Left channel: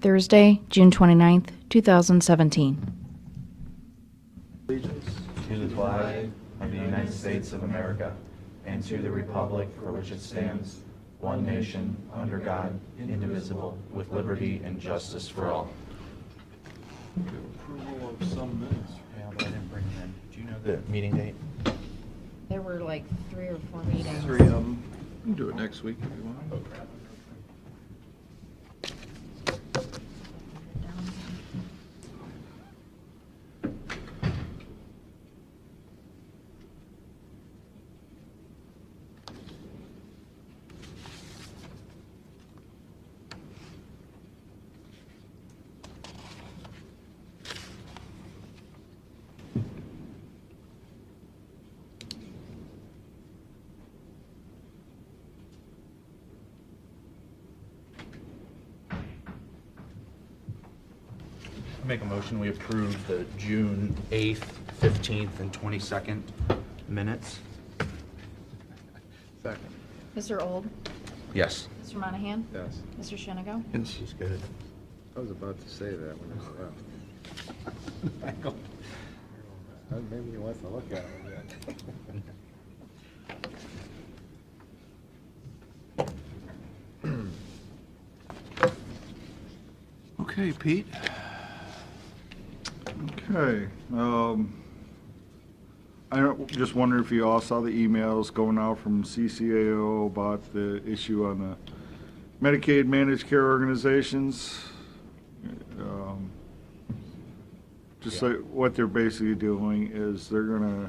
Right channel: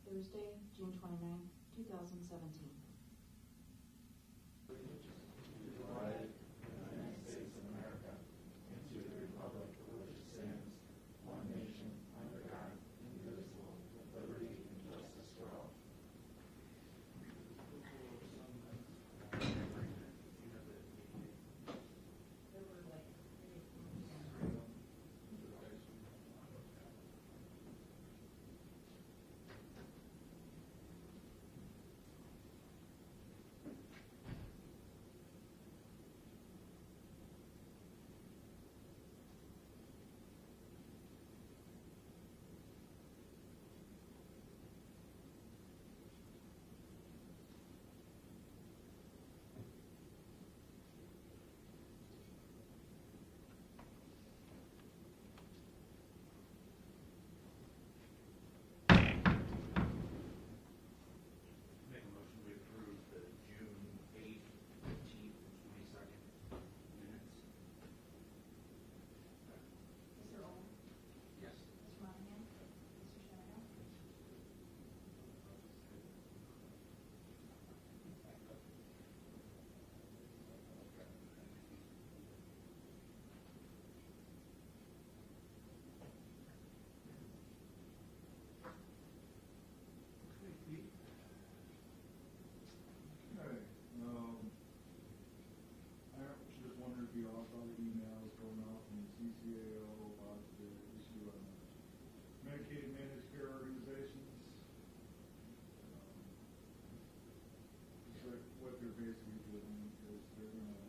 Thursday, June 29th, 2017. Allegiance to the flag of the United States of America and to the republic for which it stands, one nation, under God, indivisible, with liberty and justice for all. Approval of some minutes. Yeah, but I didn't bring them in. Do you know the meeting date? There were like 3 or 4 meetings. 3 of them. We can do it next week if you want. Make a motion, we approve the June 8th, 15th, and 22nd minutes. Second. Mr. Old, Yes. Mr. Monahan, Yes. Mr. Shenigo. She's good. I was about to say that when I left. Maybe he wants to look at it again. Okay, Pete. Okay, just wonder if you all saw the emails going out from CCAO about the issue on the Medicaid managed care organizations. Just like what they're basically doing is they're gonna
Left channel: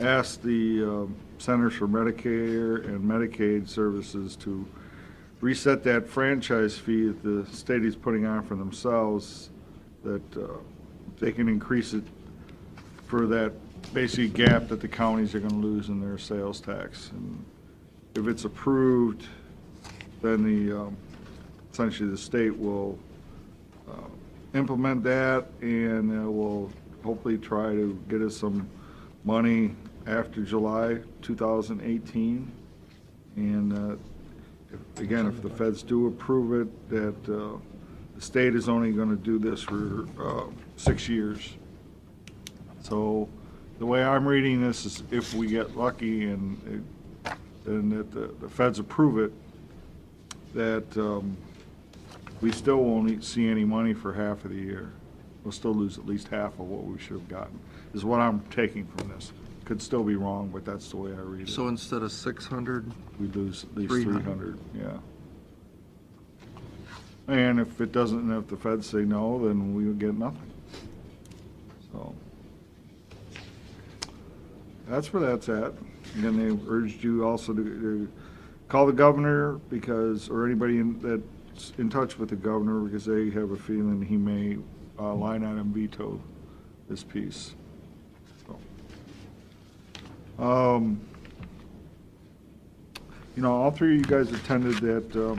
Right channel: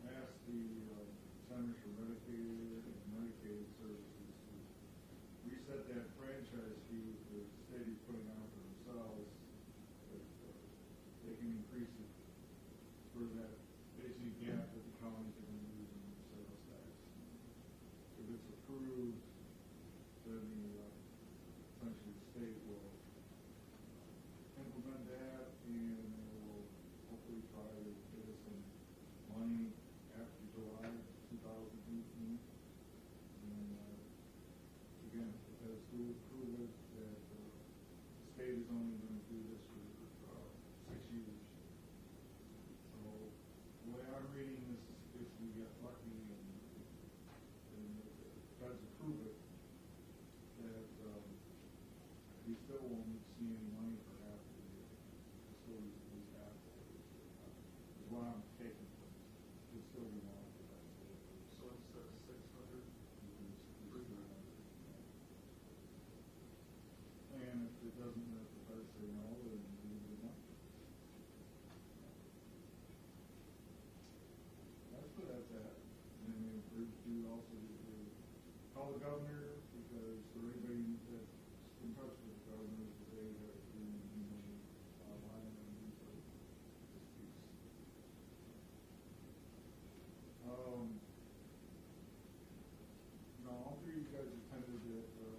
ask the Centers for Medicare and Medicaid Services to reset that franchise fee that the state is putting on for themselves, that they can increase it for that basically gap that the counties are going to lose in their sales tax. And if it's approved, then essentially the state will implement that, and will hopefully try to get us some money after July 2018. And again, if the feds do approve it, that the state is only going to do this for 6 years. So the way I'm reading this is if we get lucky and then that the feds approve it, that we still won't see any money for half of the year. We'll still lose at least half of what we should have gotten, is what I'm taking from this. Could still be wrong, but that's the way I read it. So instead of 600, We lose at least 300. 300, yeah. And if it doesn't, and if the feds say no, then we would get nothing. So, that's where that's at. Again, they urged you also to call the governor because, or anybody that's in touch with the governor, because they have a feeling he may line item veto this piece. So, you know, all three of you guys attended that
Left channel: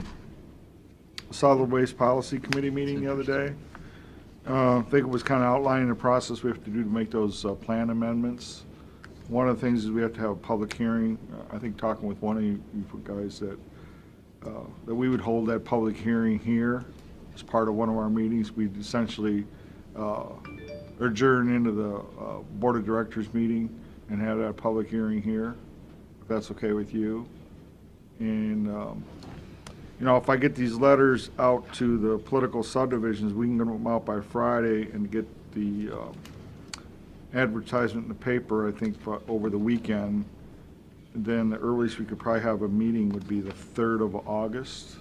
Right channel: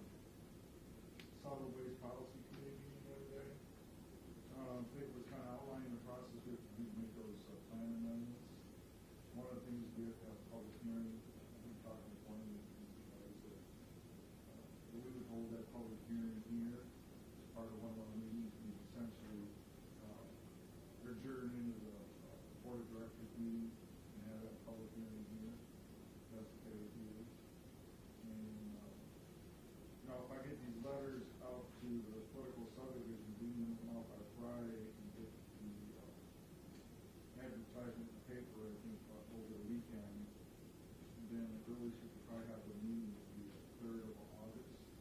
Solid Waste Policy Committee meeting the other day. I think it was kind of outlining the process we have to do to make those plan amendments. One of the things is we have to have a public hearing. I think talking with one of you guys that we would hold that public hearing here as part of one of our meetings. We'd essentially adjourn into the Board of Directors meeting and have that public hearing here, if that's okay with you. And, you know, if I get these letters out to the political subdivisions, we can get them out by Friday and get the advertisement in the paper, I think, over the weekend. And then the earliest we could probably have a meeting would be the 3rd of August.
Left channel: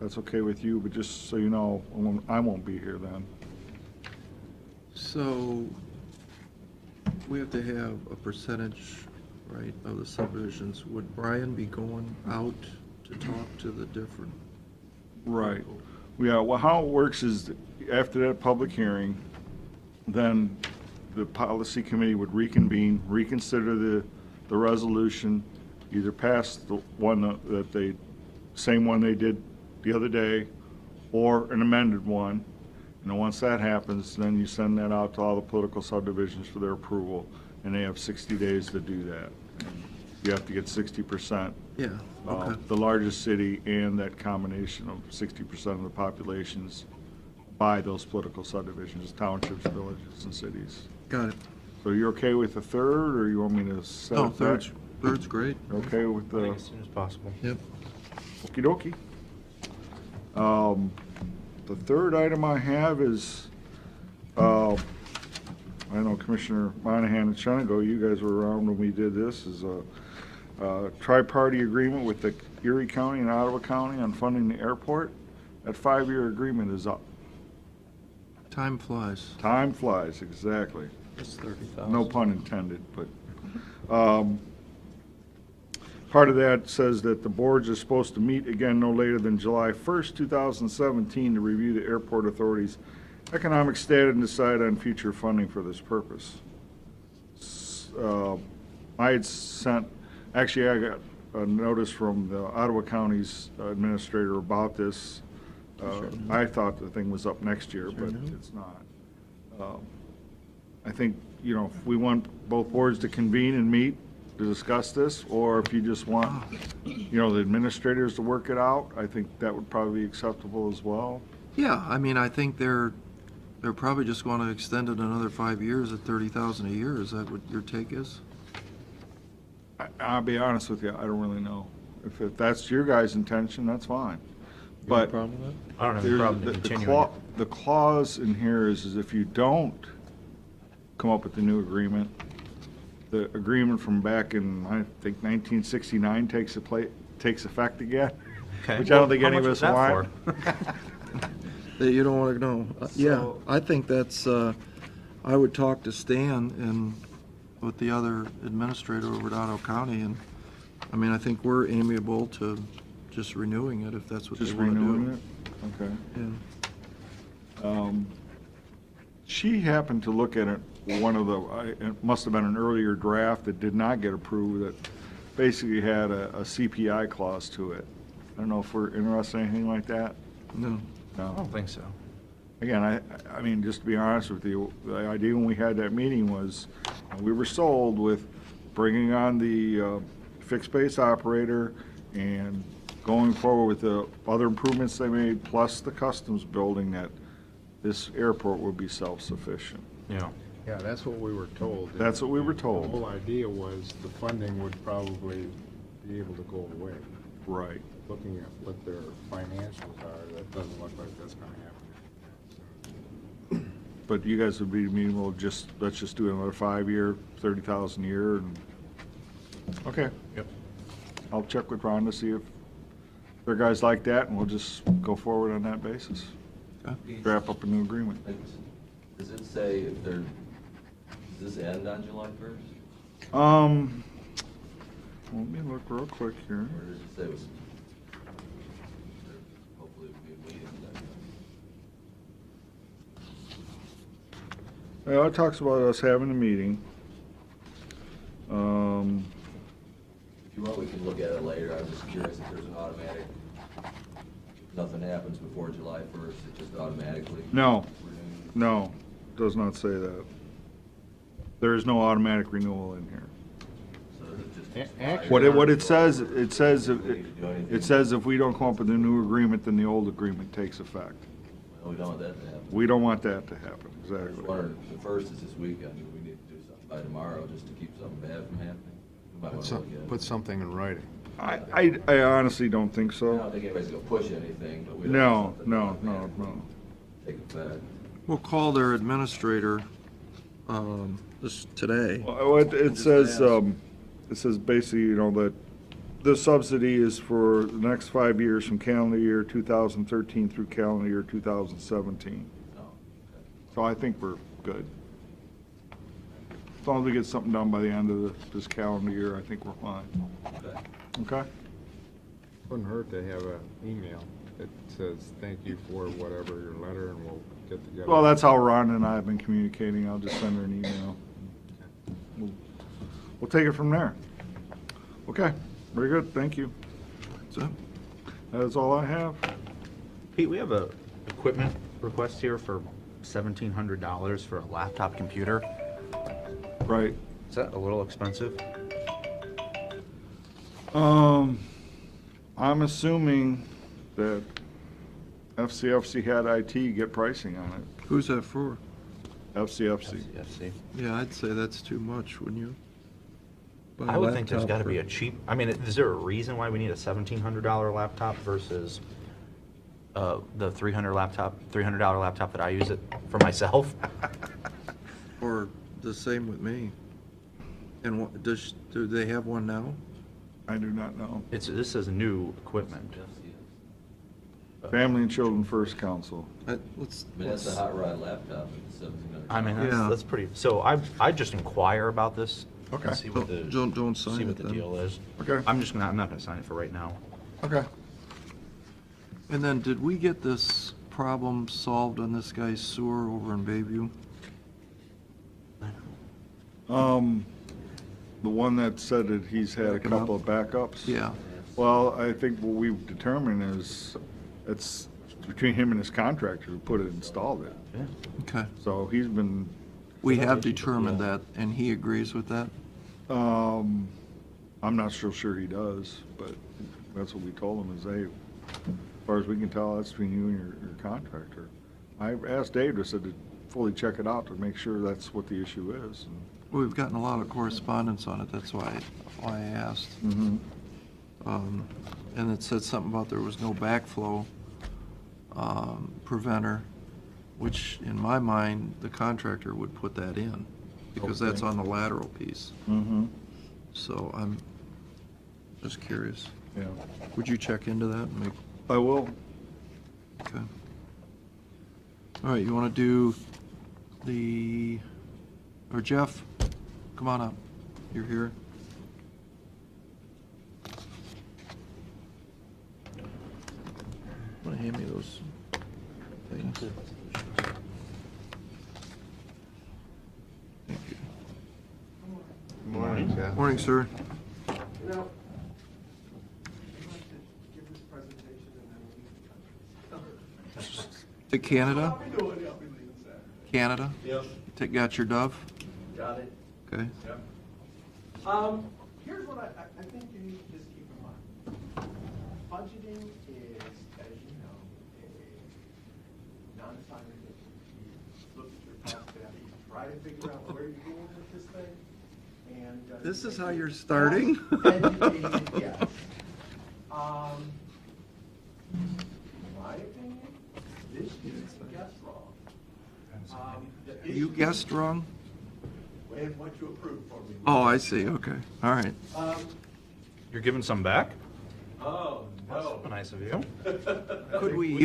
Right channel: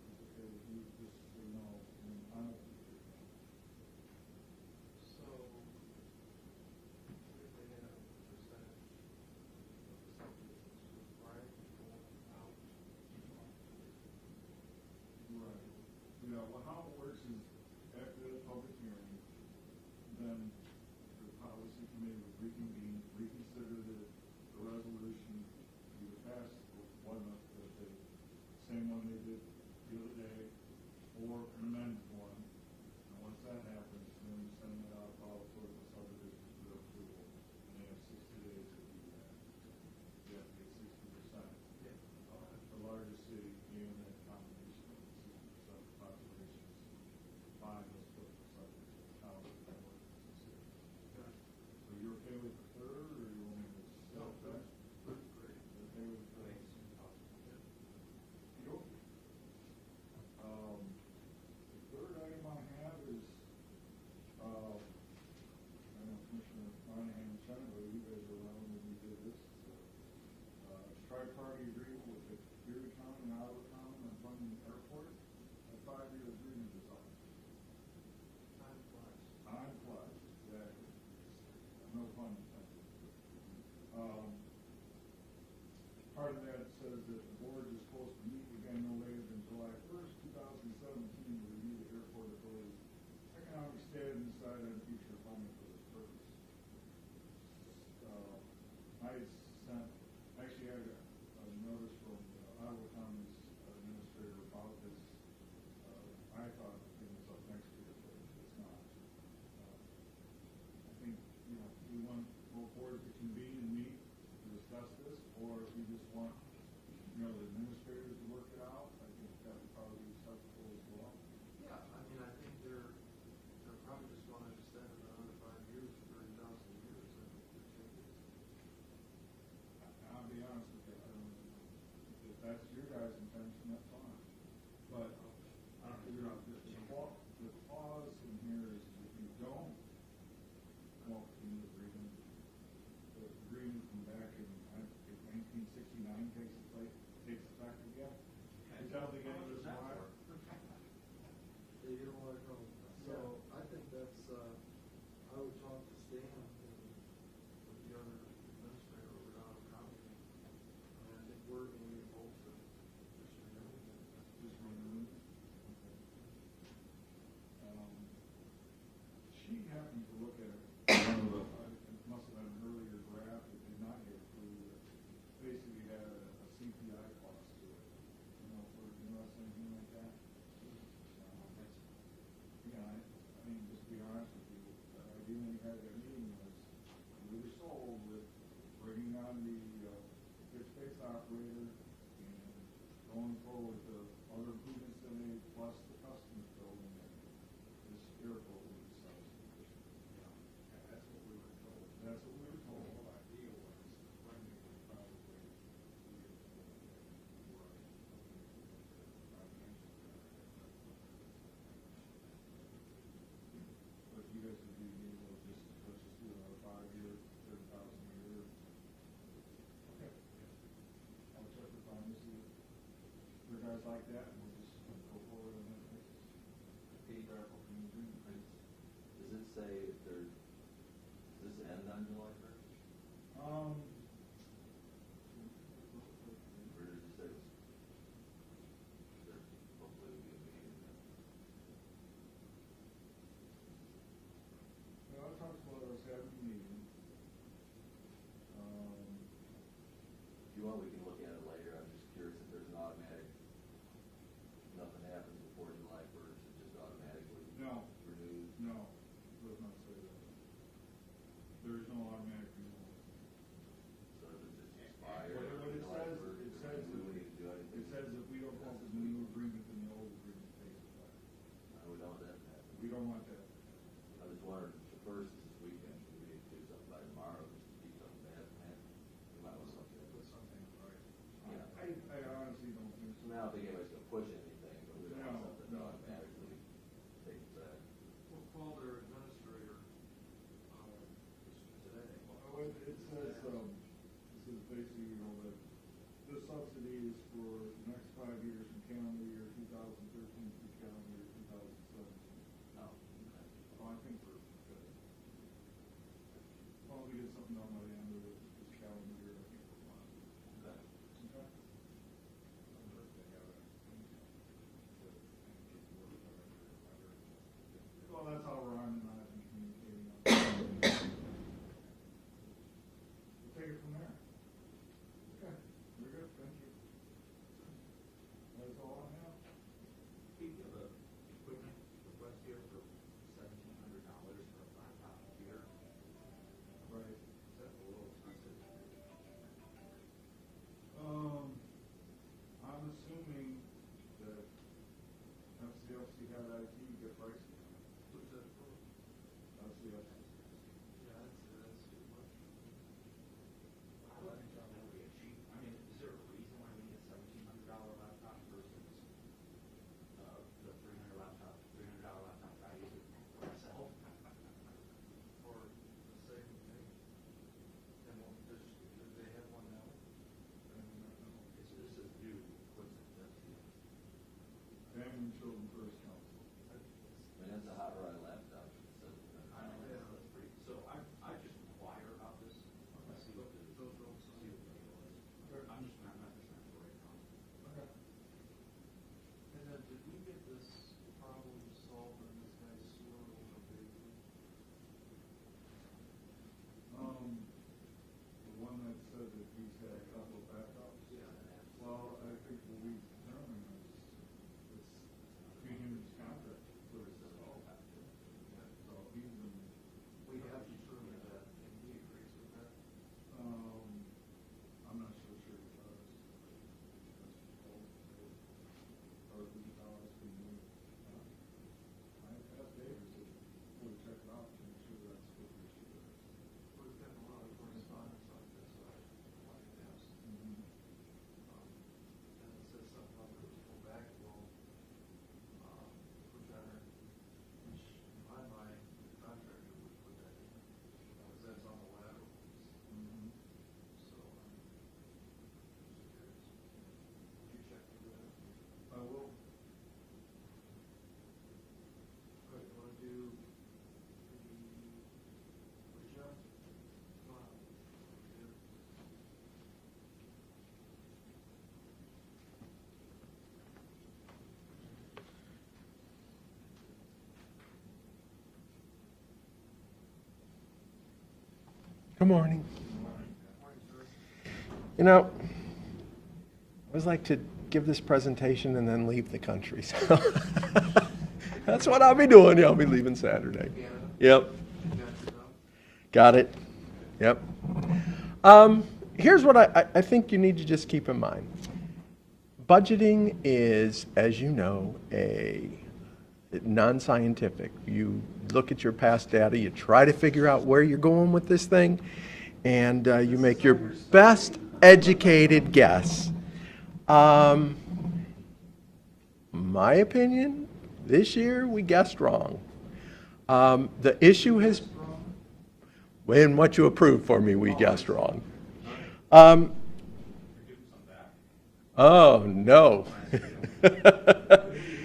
That's okay with you, but just so you know, I won't be here then. so we have to have a percentage, right, of the subdivisions. Would Brian be going out to talk to the different? Right. people? Yeah, well, how it works is after that public hearing, then the policy committee would reconvene, reconsider the resolution, either pass the one that they, same one they did the other day, or an amended one. And then once that happens, then you send that out to all the political subdivisions for their approval, and they have 60 days to do that. you have to get 60%. Yeah, okay. The largest city and that combination of 60% of the populations by those political subdivisions, townships, villages, and cities. Got it. So you're okay with the third, or you want me to set No, it back? third's great. Okay with I the, think as soon as possible. Yep. okey dokey. The third item I have is, I know Commissioner Monahan and Shenago, you guys were around when we did this, is a tri-party agreement with the Erie County and Ottawa County on funding the airport. That 5-year agreement is up. Time flies. Time flies, exactly. It's 30,000. No pun intended, but, part of that says that the boards are supposed to meet again no later than July 1st, 2017, to review the airport authority's economic status and decide on future funding for this purpose. I had sent, actually, I got a notice from the Ottawa County's administrator about this. I thought the thing was up next year, but it's not. I think, you know, if we want both boards to convene and meet to discuss this, or if you just want, you know, the administrators to work it out, I think that would probably be acceptable as well. Yeah, I mean, I think they're probably just going to extend it another 5 years at 30,000 a year. Is that what your take is? I'll be honest with you, I don't really know. If that's your guys' intention, that's fine. But problem with I don't have a there's problem the continuing it. the clause in here is if you don't come up with the new agreement, the agreement from back in, I think, 1969 takes effect again, Okay. which I don't think How any of much us is that want. for? That you don't want to know. Yeah, So- I think that's, I would talk to Stan and with the other administrator over at Ottawa County, and, I mean, I think we're amiable to just renewing it if that's what they Just want to do. renewing it? Okay. Yeah. She happened to look at it, one of the, it must have been an earlier draft that did not get approved, that basically had a CPI clause to it. I don't know if we're interested in anything like that? No. I No. don't think so. Again, I mean, just to be honest with you, the idea when we had that meeting was, we were sold with bringing on the fixed base operator and going forward with the other improvements they made, plus the customs building, that this airport would be self-sufficient. Yeah. Yeah, that's what we were told. That's what we were told. The whole idea was the funding would probably be able to go away. Right. Looking at what their financials are, that doesn't look like that's gonna happen. But you guys would be amenable, let's just do another 5-year, 30,000 a year, and, okay. Yep. I'll check with Ron to see if their guys like that, and we'll just go forward on that basis. Draft up a new agreement. Does it say if they're, does this end on July 1st? Let me look real quick here. Or does it say it was, hopefully it will be a meeting then? Yeah, it talks about us having a meeting. If you want, we can look at it later. I'm just curious if there's an automatic, if nothing happens before July 1st, it just automatically No, renews? no, does not say that. There is no automatic renewal in here. So is it just Actually- What it says, it says, We need to do anything. it says if we don't come up with a new agreement, then the old agreement takes effect. No, we don't want that to happen. We don't want that to happen, I was exactly. wondering, the 1st is this weekend, do we need to do something by tomorrow just to keep something bad from happening? We might want to look at it. Put something in writing. I honestly don't think I so. don't think anybody's gonna push anything, but we don't. No, want something no, to no, automatically no. Take effect. We'll call their administrator, this today. Well, it says basically, you know, that the subsidy is for the next 5 years from calendar year 2013 through calendar year 2017. Oh, okay. So I think we're good. As long as we get something done by the end of this calendar year, I think we're fine. Okay. Okay? Wouldn't hurt to have an email that says, thank you for whatever your letter, and we'll get together. Well, that's how Ron and I have been communicating. I'll just send her an email. We'll take it from there. Okay, very good, thank you. So, That is all I have. Pete, we have a equipment request here for $1,700 for a laptop computer. Right. Is that a little expensive? I'm assuming that FCFC had IT get pricing on it. Who's that for? FCFC. FCFC. Yeah, I'd say that's too much, wouldn't you? Buy I a would think there's laptop gotta for- be a cheap, I mean, is there a reason why we need a $1,700 laptop versus the $300 laptop that I use it for myself? Or the same with me. And what, do they have one now? I do not know. This is new equipment. Family and Children First Council. Let's, I mean, that's a hot rod laptop, it's $1,700. I mean, Yeah. that's pretty, so I just inquire about this. Okay. And see what the, Don't sign see it what the then. deal is. Okay. I'm not gonna sign it for right now. Okay. And then, did we get this problem solved on this guy's sewer over in Bayview? The one that said that he's had a Backing up? couple of backups? Yeah, Well, I think what we've determined is it's between him and his contractor who put it, installed it. Yeah. okay. So he's been, We have determined that, and he agrees with that? I'm not so sure he does, but that's what we told him is, hey, as far as we can tell, that's between you and your contractor. I asked Dave to said to fully check it out to make sure that's what the issue is. Well, we've gotten a lot of correspondence on it, that's why I asked. Mm-hmm. And it said something about there was no backflow preventer, which in my mind, the contractor would put that in, because that's Okay. on the lateral piece. Mm-hmm. So I'm just curious. Yeah. Would you check into that and make, I will. okay. All right, you want to do or Jeff, come on up. You're here. Want to hand me those things? Thank you. Good morning. Morning, Jeff. Morning, sir. You know, I always like to give this presentation and then leave the country. So that's Canada? what I'll be doing. Yeah, I'll be leaving Saturday. Canada? Yep, Got your dove? got it. Okay. Yep. Here's what I think you need to just keep in mind. Budgeting is, as you know, a non-scientific. You look at your past data, you try to figure out where you're going with this thing, and you This is make how your you're best starting? educated guess. My opinion, this year we guessed wrong. The issue You is, guessed wrong? in what you approved for me, we Oh, I guessed see, wrong. okay, all right. You're giving some back? Oh, no. Nice of you. You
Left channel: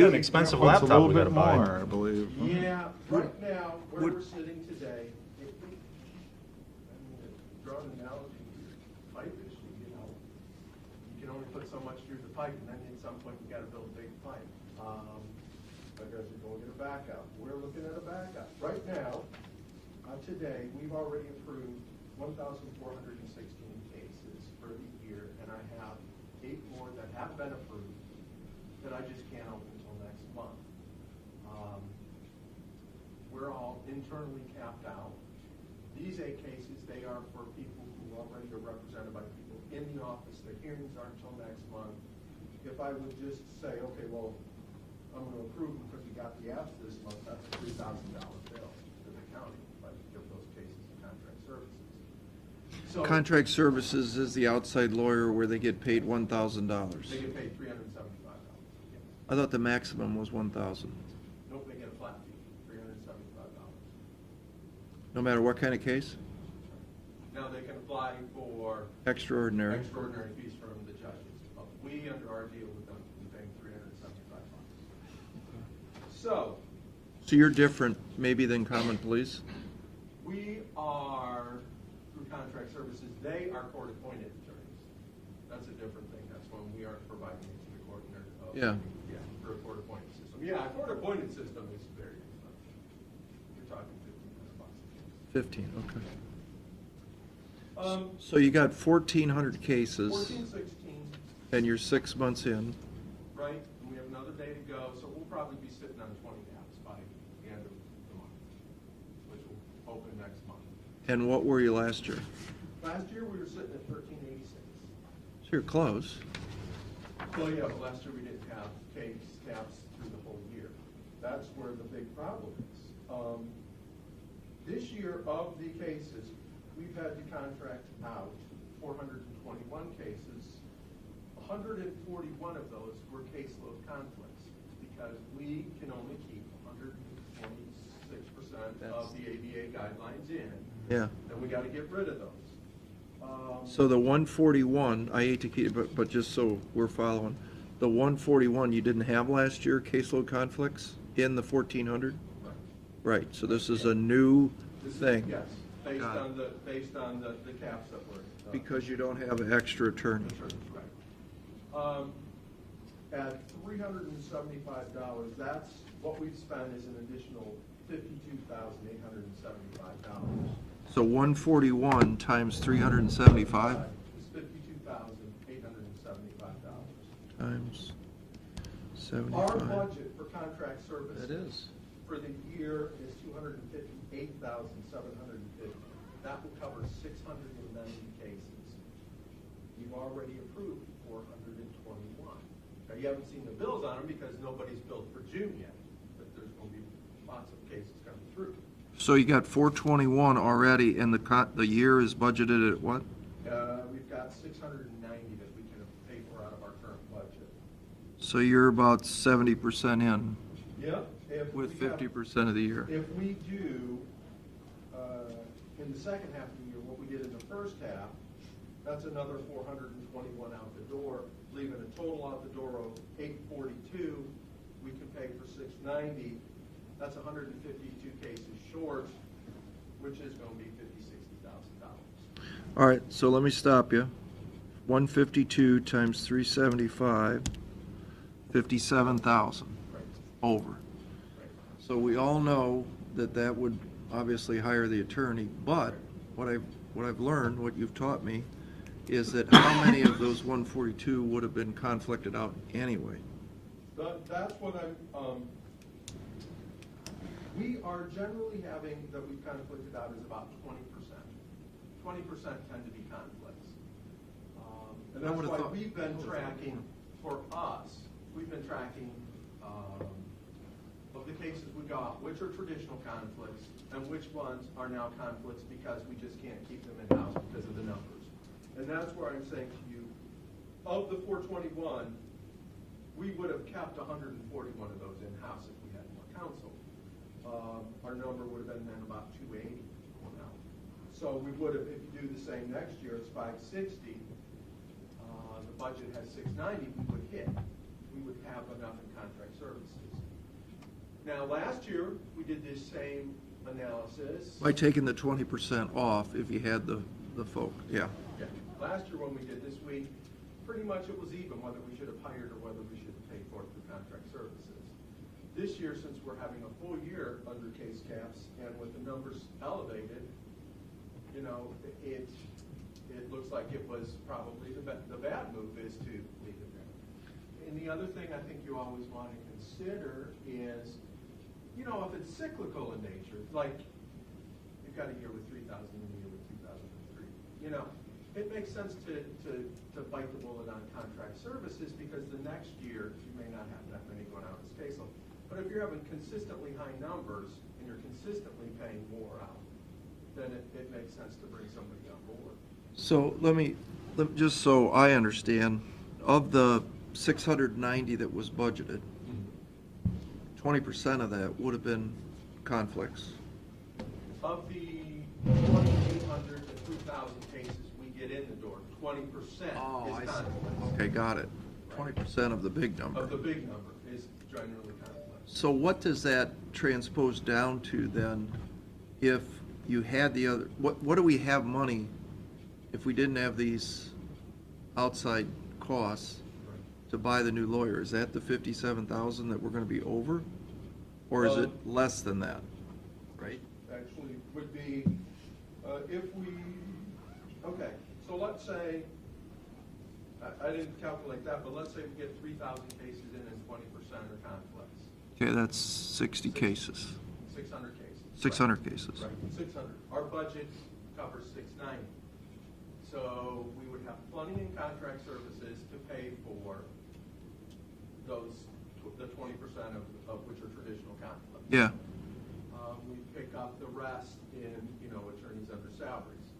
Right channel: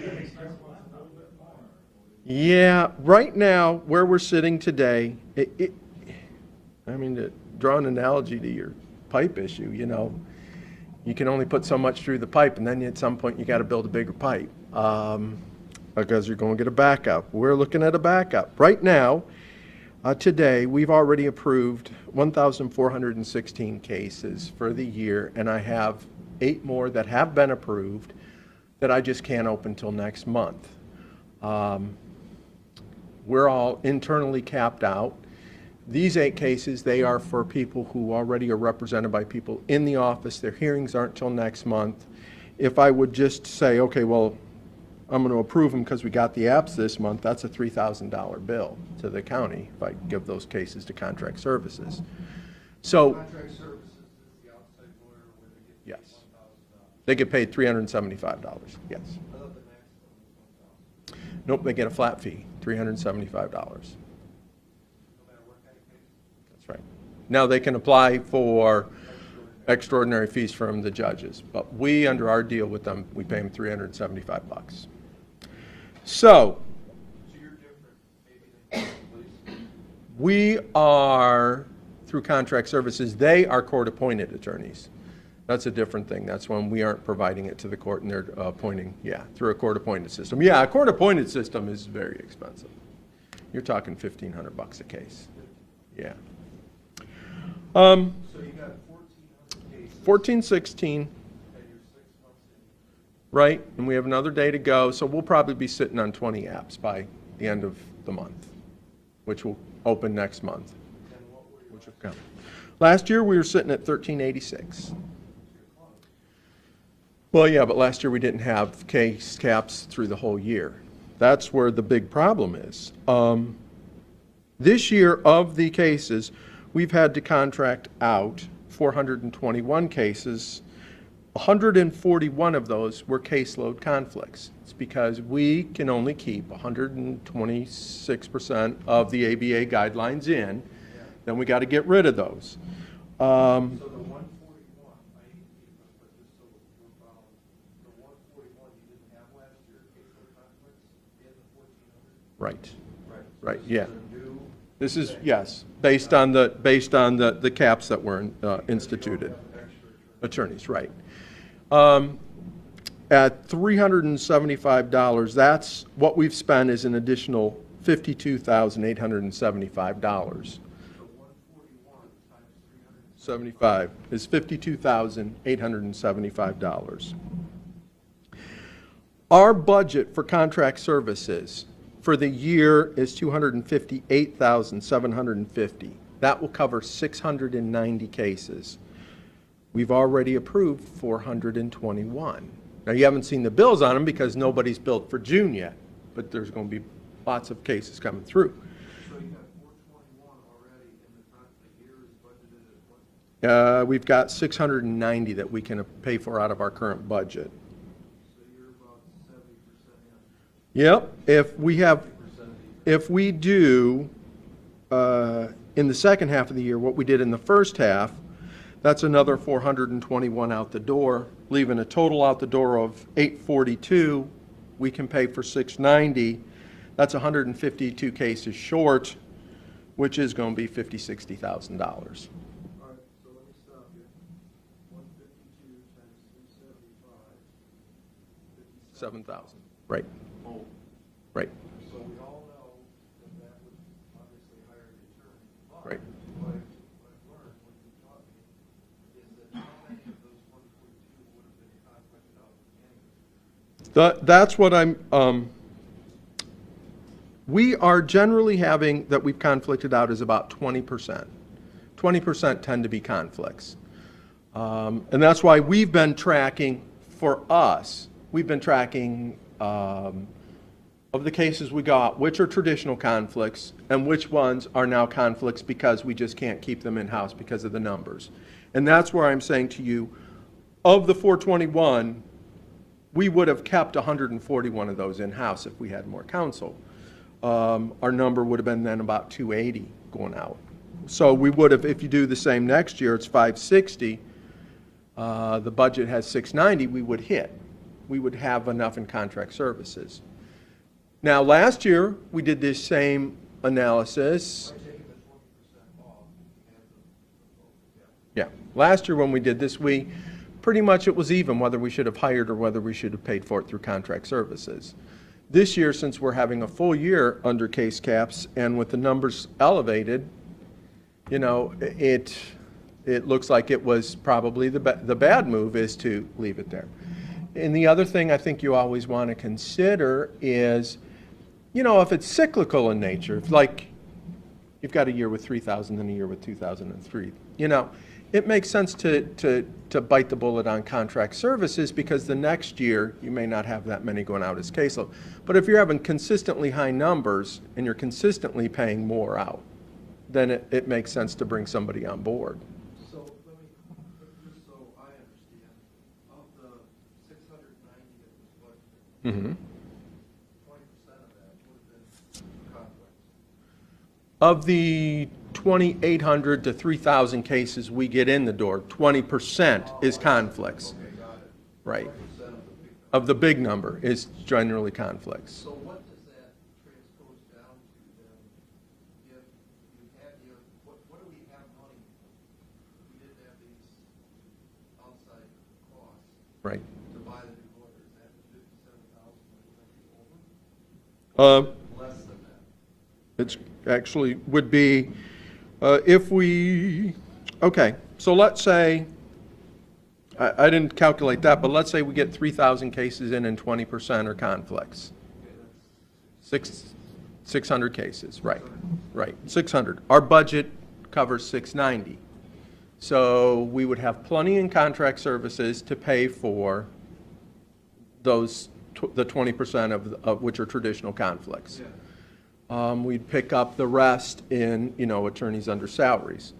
got an expensive It's a laptop little we gotta bit buy. more, I believe. Yeah, right now, where we're sitting today, I mean, to draw an analogy to your pipe issue, you know, you can only put so much through the pipe, and then at some point, you gotta build a bigger pipe, because you're gonna get a backup. We're looking at a backup. Right now, today, we've already approved 1,416 cases for the year, and I have 8 more that have been approved that I just can't open till next month. We're all internally capped out. These 8 cases, they are for people who already are represented by people in the office. Their hearings aren't till next month. If I would just say, okay, well, I'm going to approve them because we got the apps this month, that's a $3,000 bill to the county if I give those cases to contract services. So Contract services is the outside lawyer where they get paid $1,000. they get paid $375, yes. I thought the maximum was 1,000. Nope, they get a flat fee, $375. No matter what kind of case? That's right. Now, they can apply for Extraordinary. extraordinary fees from the judges, but we, under our deal with them, we pay them $375. So, So you're different maybe than common police? we are, through contract services, they are court-appointed attorneys. That's a different thing. That's when we aren't providing it to the court and they're appointing, yeah, through a court-appointed system. Yeah, a court-appointed system is very expensive. You're talking $1,500 a case, 15, okay. yeah. So you got 1,400 cases. 14, 16, And you're 6 months in. right? And we have another day to go, so we'll probably be sitting on 20 apps by the end of the month, which will open next month. And what were you last year? Last year, we were sitting at 1386. So you're close. Well, yeah, but last year we didn't have case caps through the whole year. That's where the big problem is. This year, of the cases, we've had to contract out 421 cases. 141 of those were caseload conflicts. It's because we can only keep 126% of the ABA guidelines in. Yeah. Then we got to get rid of those. So the 141, I hate to keep, but just so we're following, the 141 you didn't have last year, caseload conflicts, in the 1,400? Right. Right, so Right, this is yeah. a new This is, thing. yes, based on the caps that were instituted. Because you don't have extra attorneys. Attorneys, right. At $375, that's what we've spent is an additional $52,875. So 141 times 375 Is $52,875. times Our 75. budget for contract services for the year is $258,750. That will cover 690 cases. We've already approved 421. Now, you haven't seen the bills on them because nobody's billed for June yet, but there's going to be lots of cases coming through. So you got 421 already, and the year is budgeted at what? We've got 690 that we can pay for out of our current budget. So you're about 70% in. Yep, if with we have, 50% of the year. if we do, in the second half of the year, what we did in the first half, that's another 421 out the door, leaving a total out the door of 842. We can pay for 690. That's 152 cases short, which is going to be $50,000-$60,000. All right, so let me stop you. 152 times 375, 57,000 Right, over. right. So we all know that that would obviously hire the attorney, but what I've learned, what you've taught me, is that how many of those 142 would have been conflicted out anyway? That's what we are generally having, that we've conflicted out, is about 20%. 20% tend to be conflicts. And that's why we've been tracking, for us, we've been tracking of the cases we got, which are traditional conflicts and which ones are now conflicts because we just can't keep them in-house because of the numbers. And that's where I'm saying to you, of the 421, we would have kept 141 of those in-house if we had more counsel. Our number would have been then about 280 going out. So we would have, if you do the same next year, it's 560. The budget has 690, we would hit. We would have enough in contract services. Now, last year, we did this same analysis. By taking the 20% off if you had the folk, yeah. Yeah. Last year when we did this, we, pretty much it was even whether we should have hired or whether we should have paid for it through contract services. This year, since we're having a full year under case caps and with the numbers elevated, you know, it looks like it was probably the bad move is to leave it there. And the other thing I think you always want to consider is, you know, if it's cyclical in nature, if like you've got a year with 3,000 and a year with 2,003, you know, it makes sense to bite the bullet on contract services because the next year you may not have that many going out as caseload. But if you're having consistently high numbers and you're consistently paying more out, then it makes sense to bring somebody on board. So just so I understand, of the 690 that was budgeted, 20% of that would have been conflicts. Of the 2,800 to 3,000 cases we get in the door, 20% is conflicts. Okay, got it. Right. 20% of the big number. Of the big number is generally conflicts. So what does that transpose down to then if you had the other, what do we have money if we didn't have these outside costs Right. to buy the new lawyer? Is that the 57,000 that we're going to be over? Or is it less than that? It's actually would be, if we, okay, so let's say, I didn't calculate that, but let's say we get 3,000 cases in and 20% are conflicts. Okay, that's 60 cases. 600 cases. Right. 600 cases. Right, 600. Our budget covers 690. So we would have plenty in contract services to pay for those, the 20% of which are traditional conflicts. Yeah. We'd pick up the rest in, attorneys under salaries.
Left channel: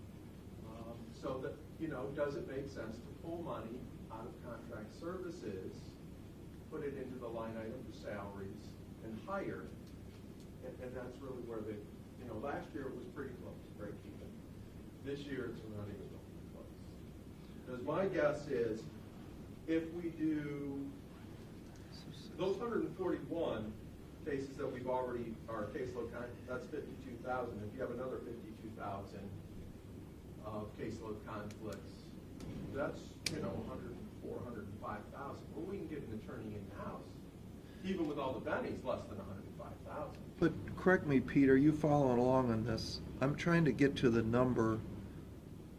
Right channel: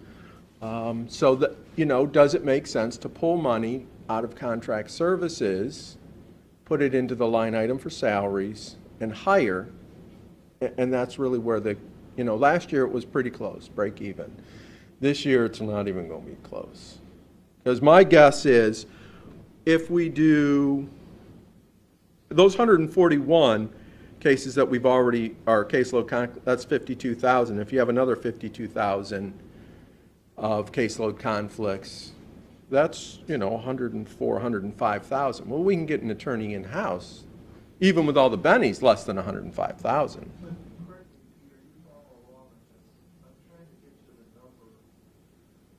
So that, does it make sense to pull money out of contract services, put it into the line item for salaries, and hire? And that's really where last year it was pretty close, break even. This year, it's not even going to be close. Because my guess is, if we do those 141 cases that we've already, our caseload, that's 52,000. If you have another 52,000 of caseload conflicts, that's, 104, 105,000. Well, we can get an attorney in-house, even with all the bennies, less than 105,000. But correct me, Pete, are you following along on this? I'm trying to get to the number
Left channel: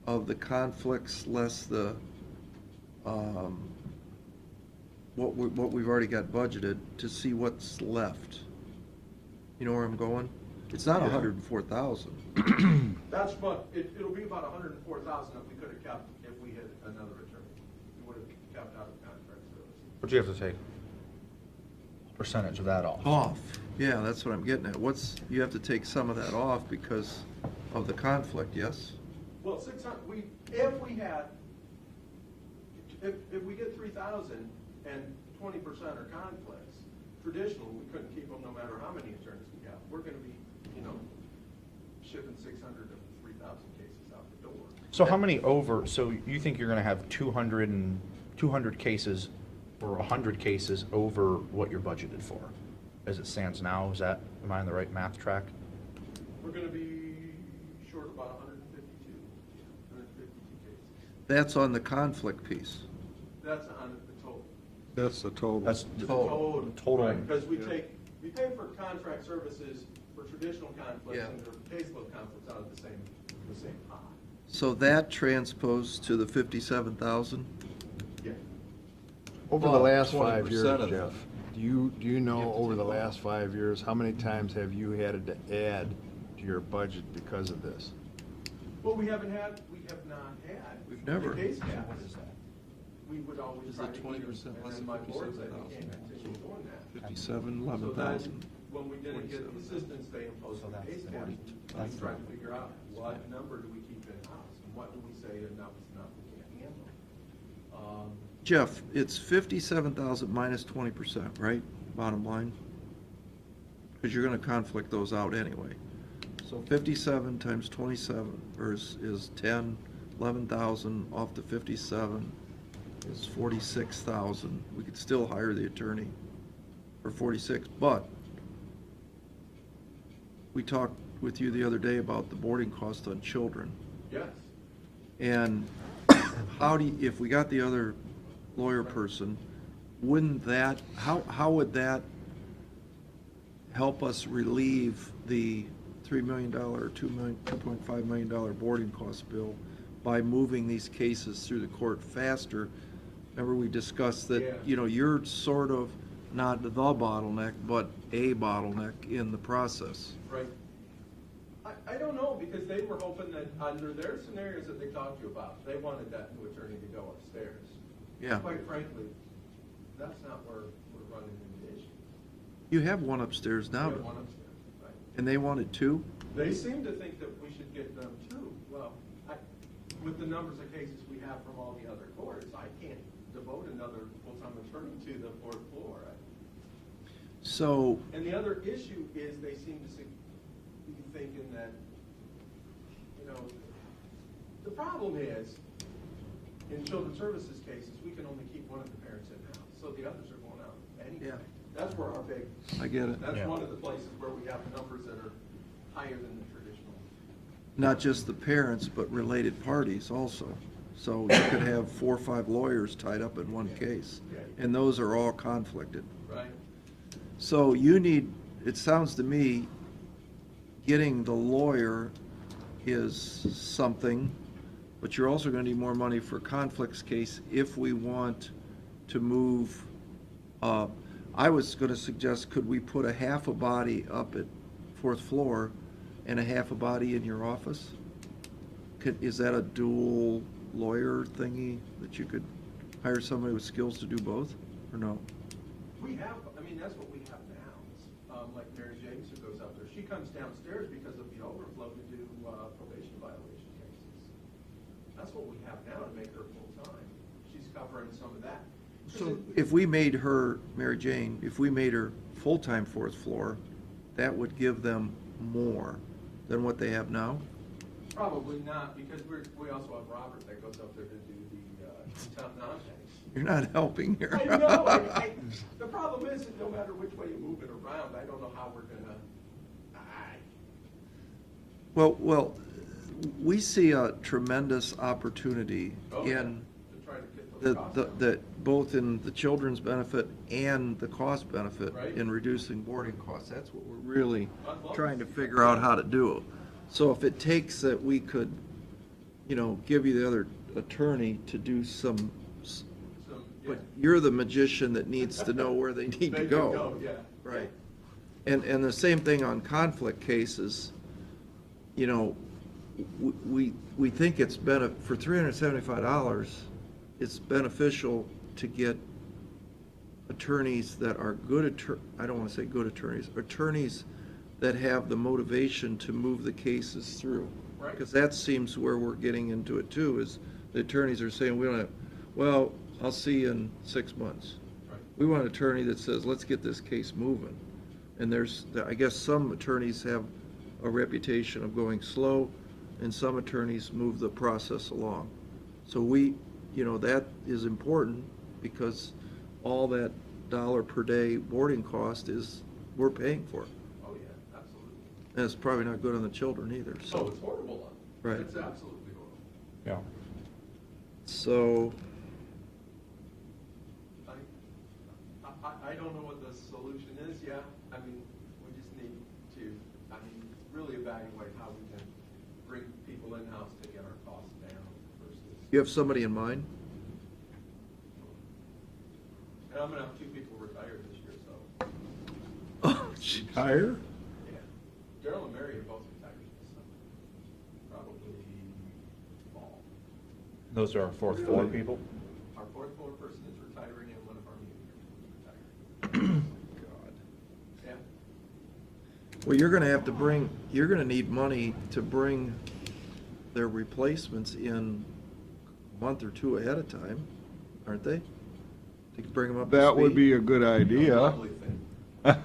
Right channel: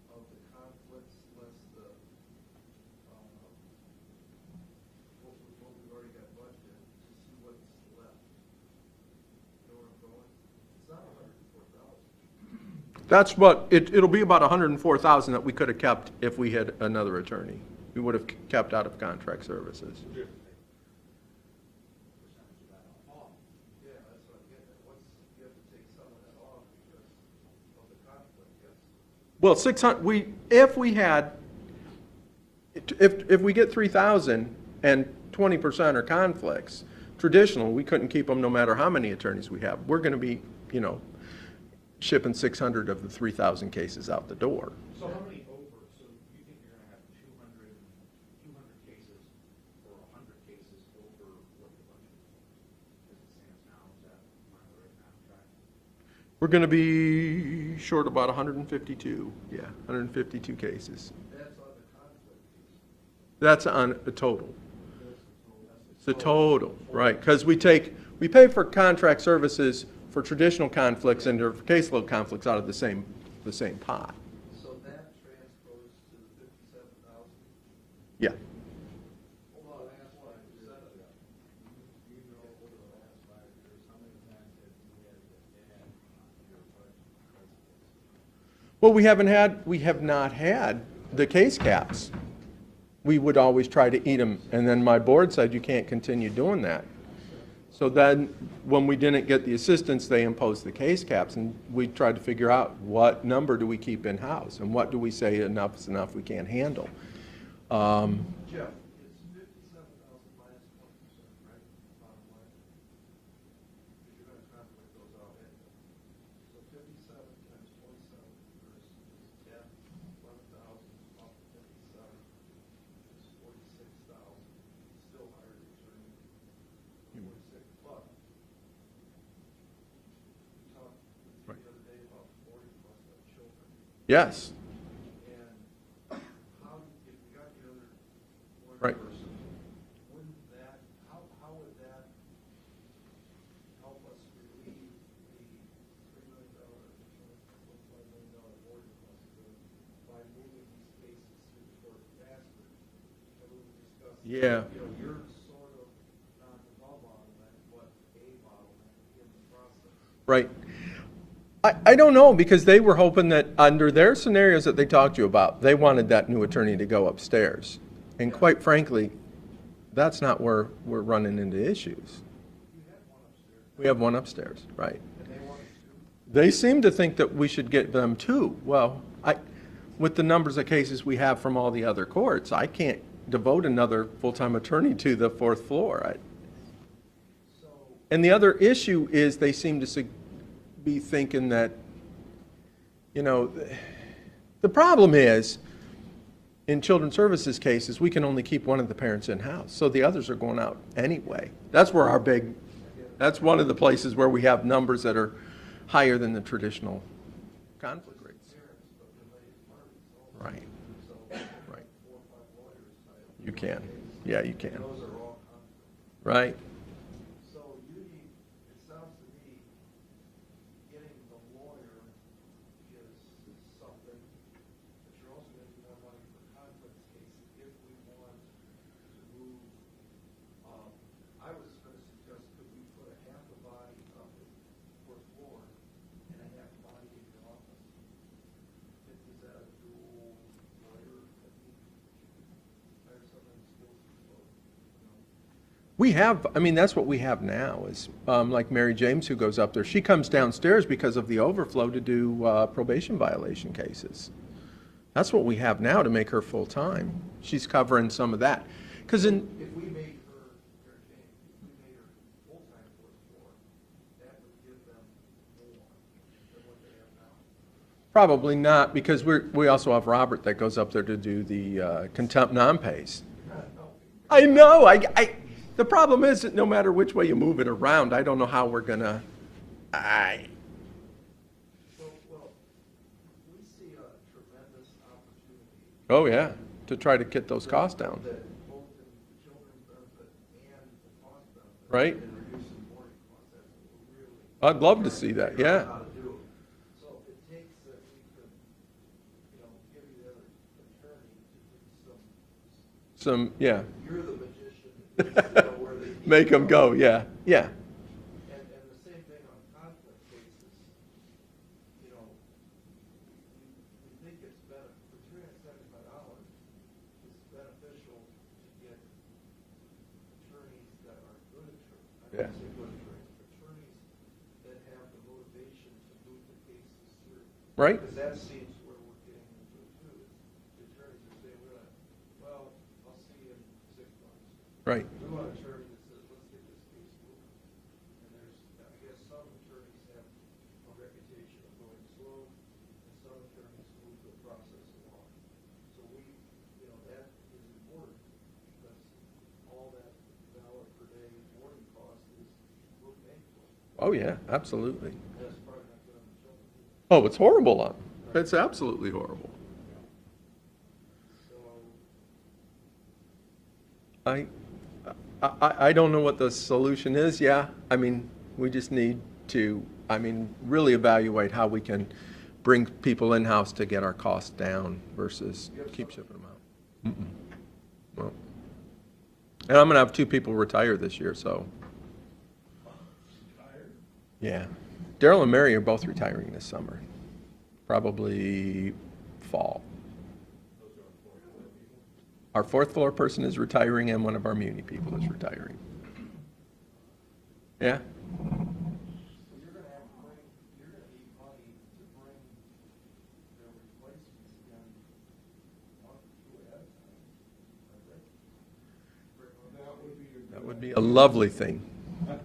of the conflicts less the, what we've already got budgeted to see what's left. You know where I'm going? It's not 104,000. That's what, it'll be about 104,000 that we could have kept if we had another attorney. We would have kept out of contract services. But you have to take percentage of that off. Off, yeah, that's what I'm getting at. You have to take some of that off because of the conflict, yes? Well, 600, if we get 3,000 and 20% are conflicts, traditional, we couldn't keep them no matter how many attorneys we have. We're gonna be, shipping 600 of the 3,000 cases out the door. So how many so you think you're gonna have 200 cases or 100 cases over what you're budgeted for? As it stands now, am I on the right math track? We're gonna be short about 152, 152 cases. That's on the conflict piece. That's on a total. That's the total. That's The total, Total. right, because we pay for contract services for traditional conflicts Yeah. and for caseload conflicts out of the same pot. So that transposed to the 57,000? Yeah. Over the Well, last 20% 5 years, of Jeff, that. do you You know have to over take the it off. last 5 years, how many times have you had to add to your budget because of this? Well, we have not had the Never. case caps. We would always try to eat them, and then my board said you can't continue doing that. 57, So then, when we didn't get the assistance, they imposed the case caps, and we tried to figure out what number do we keep in-house, and what do we say enough is enough, we can't handle. Jeff, it's 57,000 minus 20%, right? Bottom line? Because you're gonna conflict those out anyway. So 57 times 27 is 10, 11,000 off the 57 is 46,000. We could still hire the attorney for 46, but we talked with you the other day about the boarding cost on children. Yes, And if we got the other lawyer Right. person, wouldn't that, how would that help us relieve the $3 million or $2.5 million boarding cost bill by moving these cases through the court faster? Remember we discussed Yeah. that, you're sort of not the bottleneck, but a bottleneck in the process. right. I don't know, because they were hoping that under their scenarios that they talked to you about, they wanted that new attorney to go upstairs. And Yeah. quite frankly, that's not where we're running into issues. You have one upstairs now. We have one upstairs, right. And they wanted two? They seem to think that we should get them too. Well, with the numbers of cases we have from all the other courts, I can't devote another full-time attorney to the fourth floor. So, And the other issue is they seem to be thinking that, the problem is, in children's services cases, we can only keep one of the parents in-house, so the others are going out anyway. That's where our I get it. that's one of the places where we have numbers that are higher than the traditional. Not just the parents, but related parties also. So you could have 4 or 5 lawyers tied up in You one can. case. Yeah, you can. And those are all conflicted. Right? So it sounds to me, getting the lawyer is something, but you're also gonna need more money for conflicts case if we want to move. I was gonna suggest, could we put a half a body up at 4th floor and a half a body in your office? is that a dual lawyer thingy that you could hire somebody with skills to do both, or no? We have, I mean, that's what we have now is, like Mary James who goes up there. She comes downstairs because of the overflow to do probation violation cases. That's what we have now to make her full-time. She's covering some of that. Because If we made her, Mary Jane, if we made her full-time fourth floor, that would give them more than what they have now? probably not, because we also have Robert that goes up there to do the contempt non-pays. You're not helping here. I know, the problem is that no matter which way you move it around, I don't know how we're gonna, Well, we see a tremendous opportunity. oh yeah, in to try to get those costs down. That both in the children's benefit and the cost benefit. Right. In reducing boarding costs. That's what we're really. I'd love to trying see that, Figure out yeah. how to do. So if it takes that we could, give you the other attorney to do some, Yeah, you're the magician that needs to know where they need to go. make them go, yeah, yeah. And the same thing on conflict cases, we think it's for $375, it's beneficial to get attorneys that are I don't want to say good attorneys that have the motivation to move the cases through. Right. Because that seems where we're getting into it too, is the attorneys are saying, well, I'll see you in 6 months. Right. We want an attorney that says, let's get this case moving. And I guess some attorneys have a reputation of going slow, and some attorneys move the process along. So that is important, because all that dollar per day boarding cost we're paying for. Oh, yeah, absolutely. And it's probably not good on the children either. Oh, it's horrible on, Right. it's absolutely horrible. Yeah. So, I don't know what the solution is, yeah. I mean, we just need to, really evaluate how we can bring people in-house to get our costs down versus. you have somebody in mind? Well, and I'm gonna have 2 people retire this year, so, Higher? yeah. Daryl and Mary are both retiring this summer, probably fall. Those are our fourth floor people? Our 4th floor person is retiring, and one of our muni people is retiring. Yeah, Well, you're gonna need money to bring their replacements in a month or 2 ahead of time, aren't they? To bring them up to That would speed? be a good a idea. lovely thing, Well,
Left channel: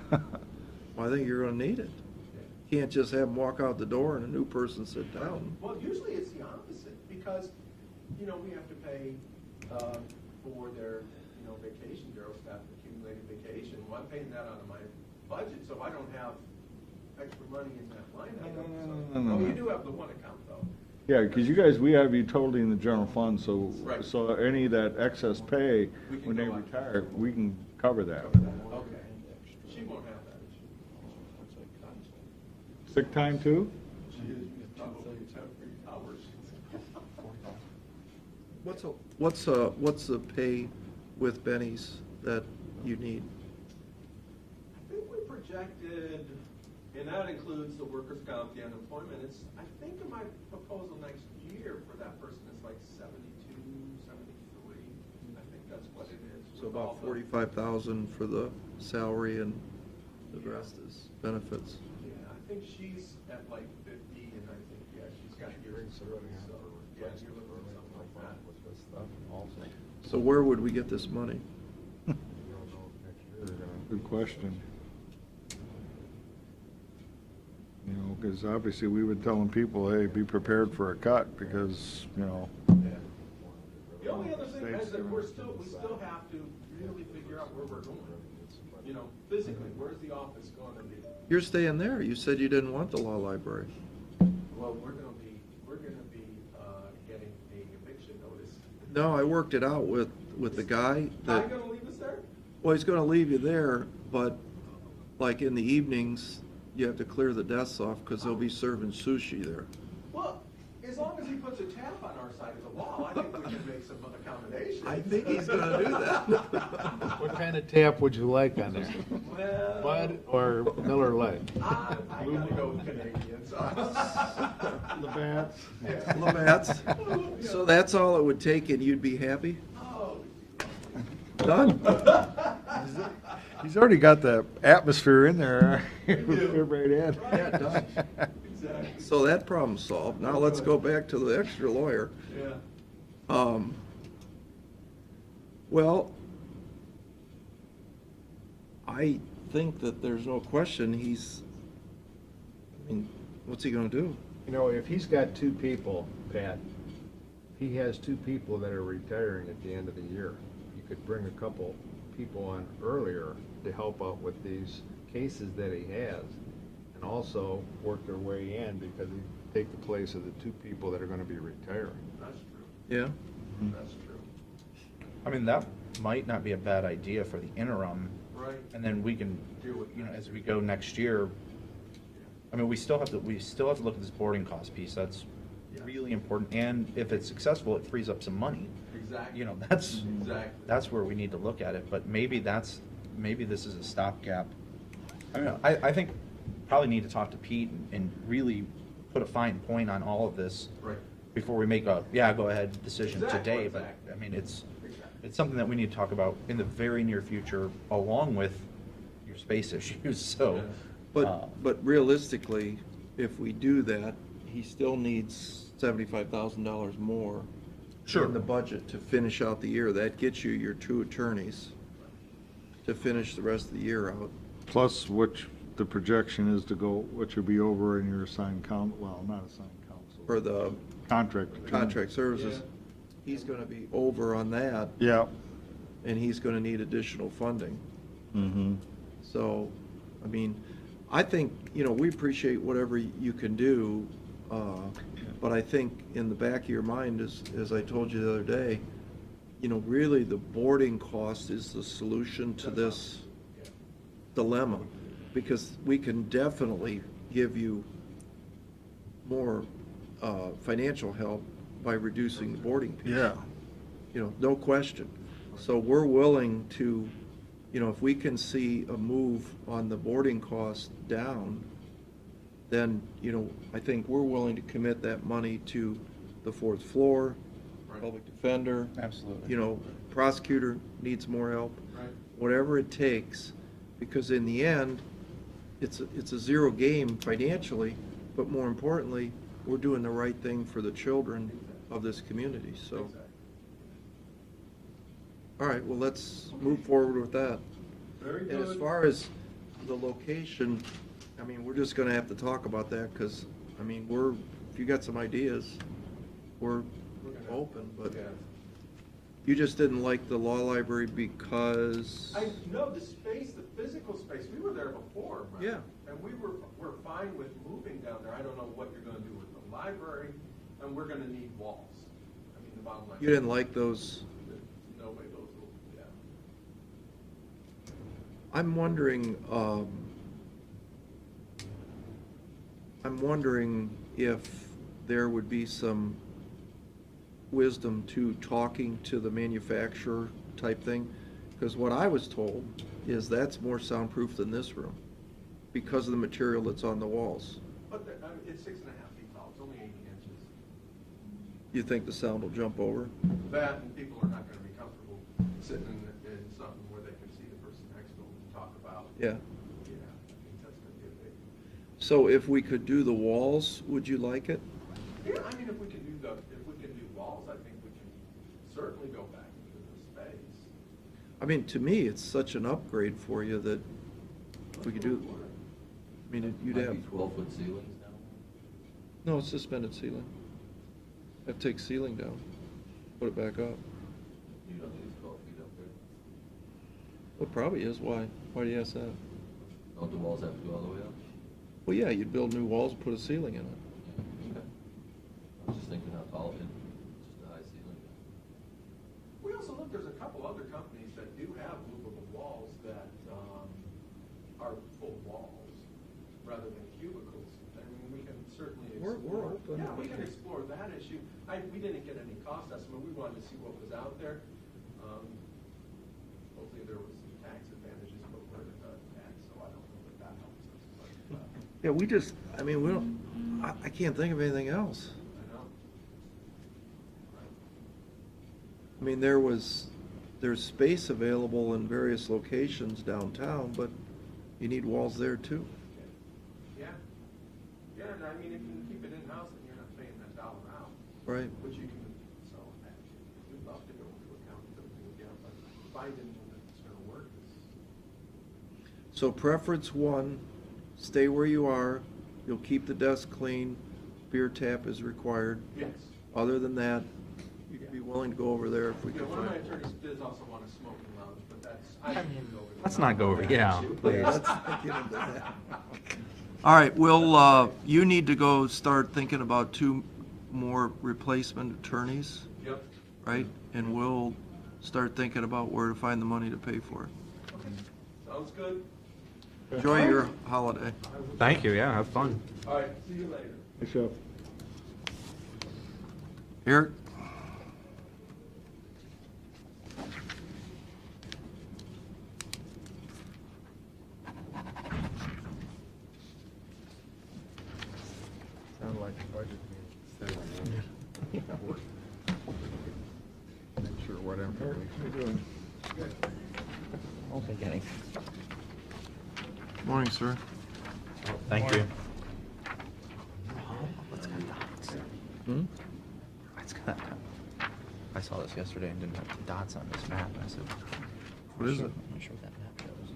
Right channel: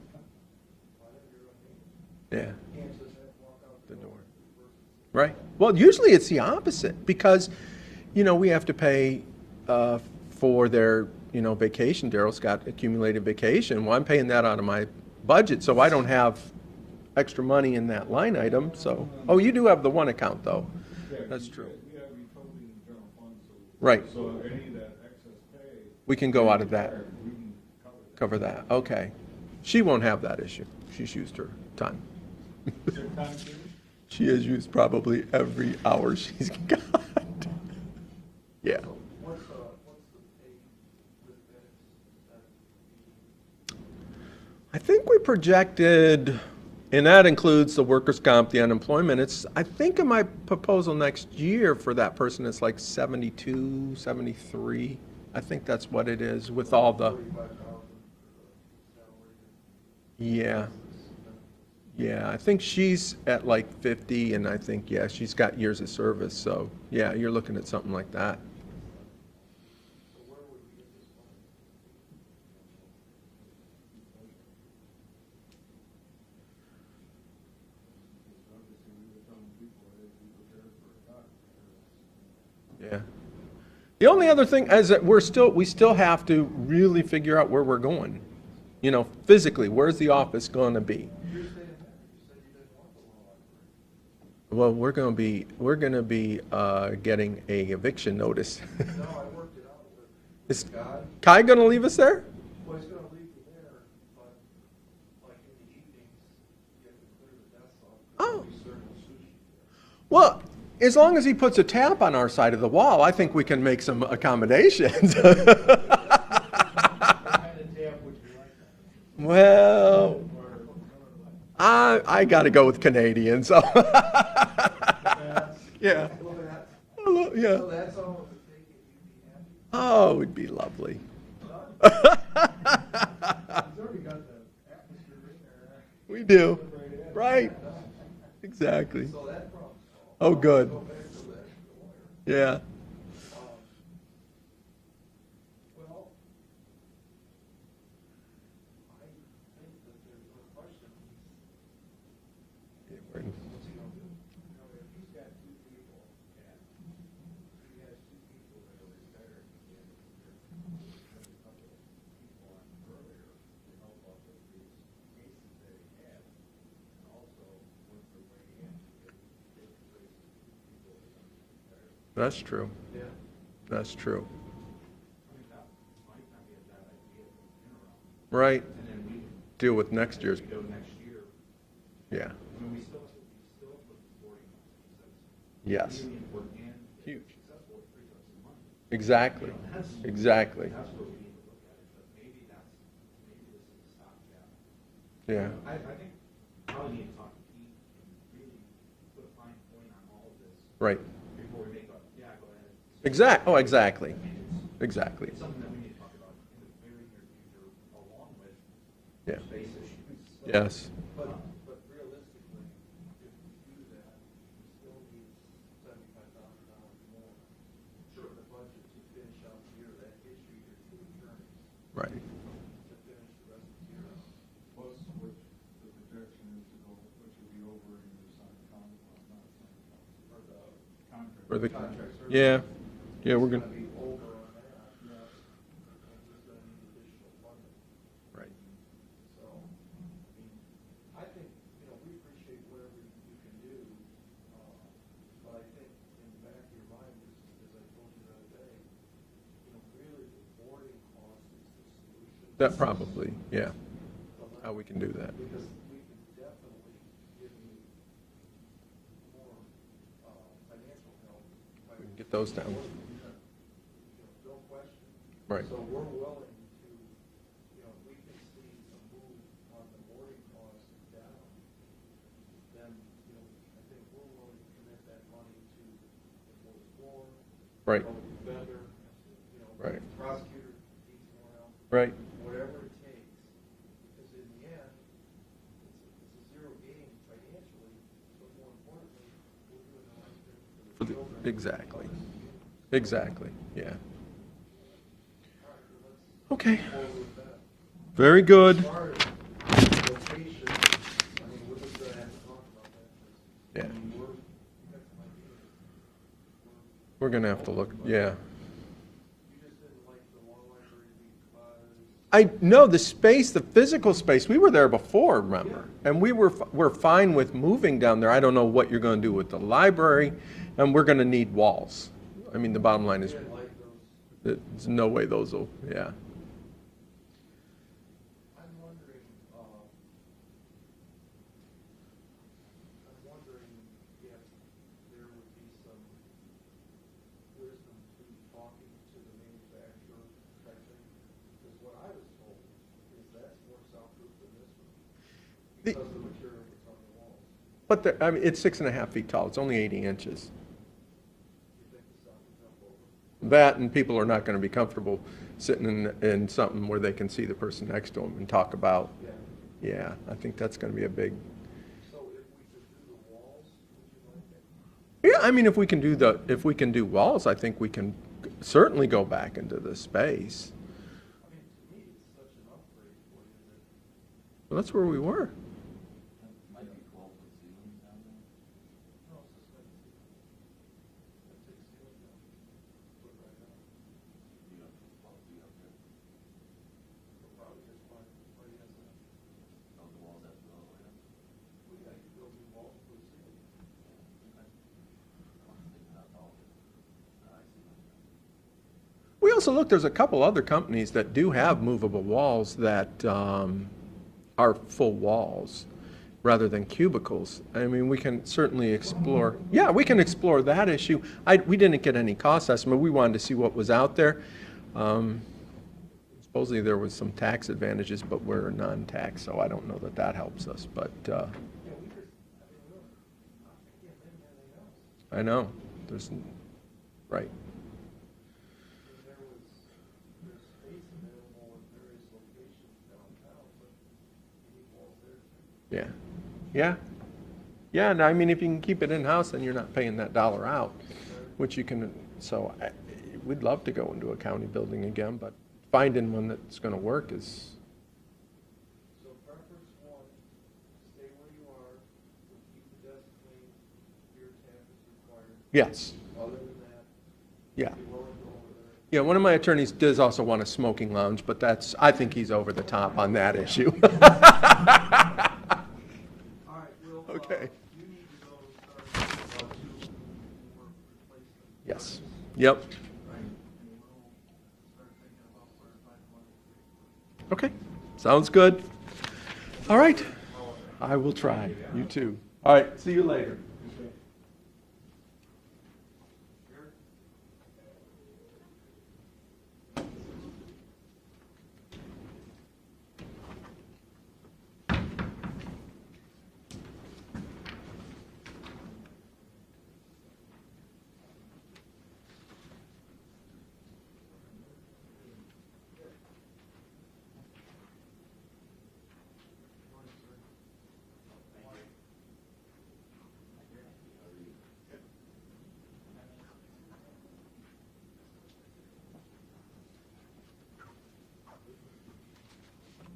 I think you're gonna need it. yeah. Can't just have them walk out the door and a new person sit down. Right. Well, usually it's the opposite, because, we have to pay for their, vacation. Daryl's got accumulated vacation. Well, I'm paying that out of my budget, so I don't have extra money in that line item, so. Oh, you do have the one account, though. Yeah, because you guys, we have you totally in the general fund, so. Right. So any of that excess pay. We can go out of that. We can cover that. Cover that, okay. She won't have that issue. She's used her time. Sick time too? She has used probably every hour she's got. Yeah. So what's the pay with Benny's that you need? I think we projected, and that includes the workers' comp, the unemployment, I think in my proposal next year for that person, it's like 72, 73. I think that's what it is with all the, 35,000 for the salary and yeah, benefits. yeah. I think she's at like 50, and I think, yeah, she's got years of service, so, yeah, you're looking at something like that. So where would we get this money? Good question. Because obviously we were telling people, hey, be prepared for a cut, because, Yeah. The only other thing is that we still have to really figure out where we're going. Physically, where's the office going to be? You're staying there. You said you didn't want the law library. Well, we're going to be getting a eviction notice. No, I worked it out with Is the guy. Kai going to leave us there? Well, he's gonna leave you there, but like in the evenings, you have to clear the desks off because they'll Oh. be serving sushi there. Well, as long as he puts a tap on our side of the wall, I think we can make some accommodations. What kind of tap would you like on there? Well, Or Miller Lite? I got to go with Canadian, so. Yeah, Labatt's. Yeah. So that's all it would take and you'd be happy? Oh, it would be lovely. Done? He's already got the atmosphere in there. do. Everybody in. Right. Exactly. So that problem's solved. Oh, Now let's good. go back to the extra lawyer. Yeah. Well, I think that there's no question I mean, what's he gonna do? You know, if he's got two people, Pat, he has two people that are retiring at the end of the year. You could bring a couple people on earlier to help out with these cases that he has, and also work their way in because he take the place of the two people that are gonna be retiring. That's true. Yeah? That's true. I mean, that might not be a bad idea for the interim, Right. and then we can. Deal with next as year's. we go next year. Yeah. I mean, we still have to look at this boarding cost piece, that's Yes. really important, and if it's successful, it frees up some money. Exactly. You know, that's. Exactly. That's where we need to look at it, but maybe this is a stopgap. I don't Yeah. know. I think probably need to talk to Pete and really put a fine point on all of this. Right. Before we make a, go ahead decision. Oh, today. exactly. I mean, it's Exactly. something that we need to talk about in the very near future, along with Yeah. space issues, so. Yes. But realistically, if we do that, he still needs $75,000 more Sure. in the budget to finish out the year. That gets you your two attorneys Right. to finish the rest of the year out. Plus, which the projection is to go, which will be over in your assigned well, not assigned counsel. For the Contract. For the contract services. Yeah. Yeah, He's we're gonna gonna, be over on that, Yeah. and he's gonna need additional funding. Mm-hmm. So, I mean, I think, we appreciate whatever you can do, but I think in the back of your mind, as I told you the other day, really the boarding cost is the solution to that this probably, yeah. dilemma. How we can do that. Because we can definitely give you more financial help by reducing Those down. boarding fees. Yeah. No question. Right. So we're willing to, if we can see a move on the boarding cost down, then, I think we're willing to commit that money to the fourth floor. Right. Public defender. Absolutely. Right. Prosecutor needs more help. Right. Whatever it takes, because in the end, it's a zero game financially, but more importantly, we're doing the right thing for the children Exactly. of this community. So- Exactly, yeah. All right, well, let's Okay. move forward with that. Very good. As far as location, I mean, we're just gonna have to talk about that, because, Yeah. if you got some ideas, we're. We're gonna have to look, open, but yeah. You just didn't like the law library because? No, the space, the physical space, we were there before, remember? Yeah. And we're fine with moving down there. I don't know what you're gonna do with the library, and we're gonna need walls. I mean, the bottom line You is, didn't like those? there's no way those will, yeah. I'm wondering if there would be some wisdom to talking to the manufacturer type thing, because what I was told is that's more soundproof than this room, because of the material that's on the walls. But I mean, it's 6.5 feet tall, it's only 80 inches. You think the sound will jump over? That, and people are not gonna be comfortable sitting in something where they can see the person next to them and talk about. Yeah. Yeah, I think that's gonna be a big, So if we could do the walls, would you like it? yeah, I mean, if we can do walls, I think we can certainly go back into the space. I mean, to me, it's such an upgrade for you that, Well, that's We where do. we were. I mean, you'd Might have, be 12-foot ceilings now. no, it's suspended ceiling. I'd take ceiling down, put it back up. You don't think it's 12 feet up there? Well, it probably is. Why? Why do you ask that? Don't the walls have to go all the way up? Well, yeah, you'd build new walls, put a ceiling in it. Yeah, okay. I was just thinking how tall, just a high ceiling. We also looked, there's a couple other companies that do have movable walls that are full walls rather than cubicles. I mean, we can certainly explore, yeah, we can explore that issue. We didn't get any cost estimate, we wanted to see what was out there. Supposedly there was some tax advantages, but we're non-tax, so I don't know that that helps us, but, Yeah, we just, I mean, we don't, I can't think of anything else. I know, right. I mean, there's space available in various locations downtown, but you need walls there too. Yeah, yeah. Yeah, and I mean, if you can keep it in-house, then you're not paying that dollar out. Right. Which you can, so we'd love to go into a county building again, but finding one that's gonna work is, So preference one, stay where you are, you'll keep the desk clean, beer tap is required. yes. Other than that, Yeah. you'd be willing to go over there if we. Yeah, one of my attorneys does also want a smoking lounge, but I think he's over the Let's top not on go- that yeah. issue. All right, you need to go start thinking about 2 more replacement attorneys, Yep, right? And we'll start thinking about where to find the money to pay for it. okay, sounds good. All Enjoy right. your holiday. I will try. Thank you, yeah, have fun. All right, see you later. Thanks, Jeff. Eric? Sound like a budget meeting. Make sure what information. Won't take any. Morning, sir. Thank you. Hmm? It's got, I saw this yesterday and didn't have the dots on this map, and I said, What is it? I'm sure that map shows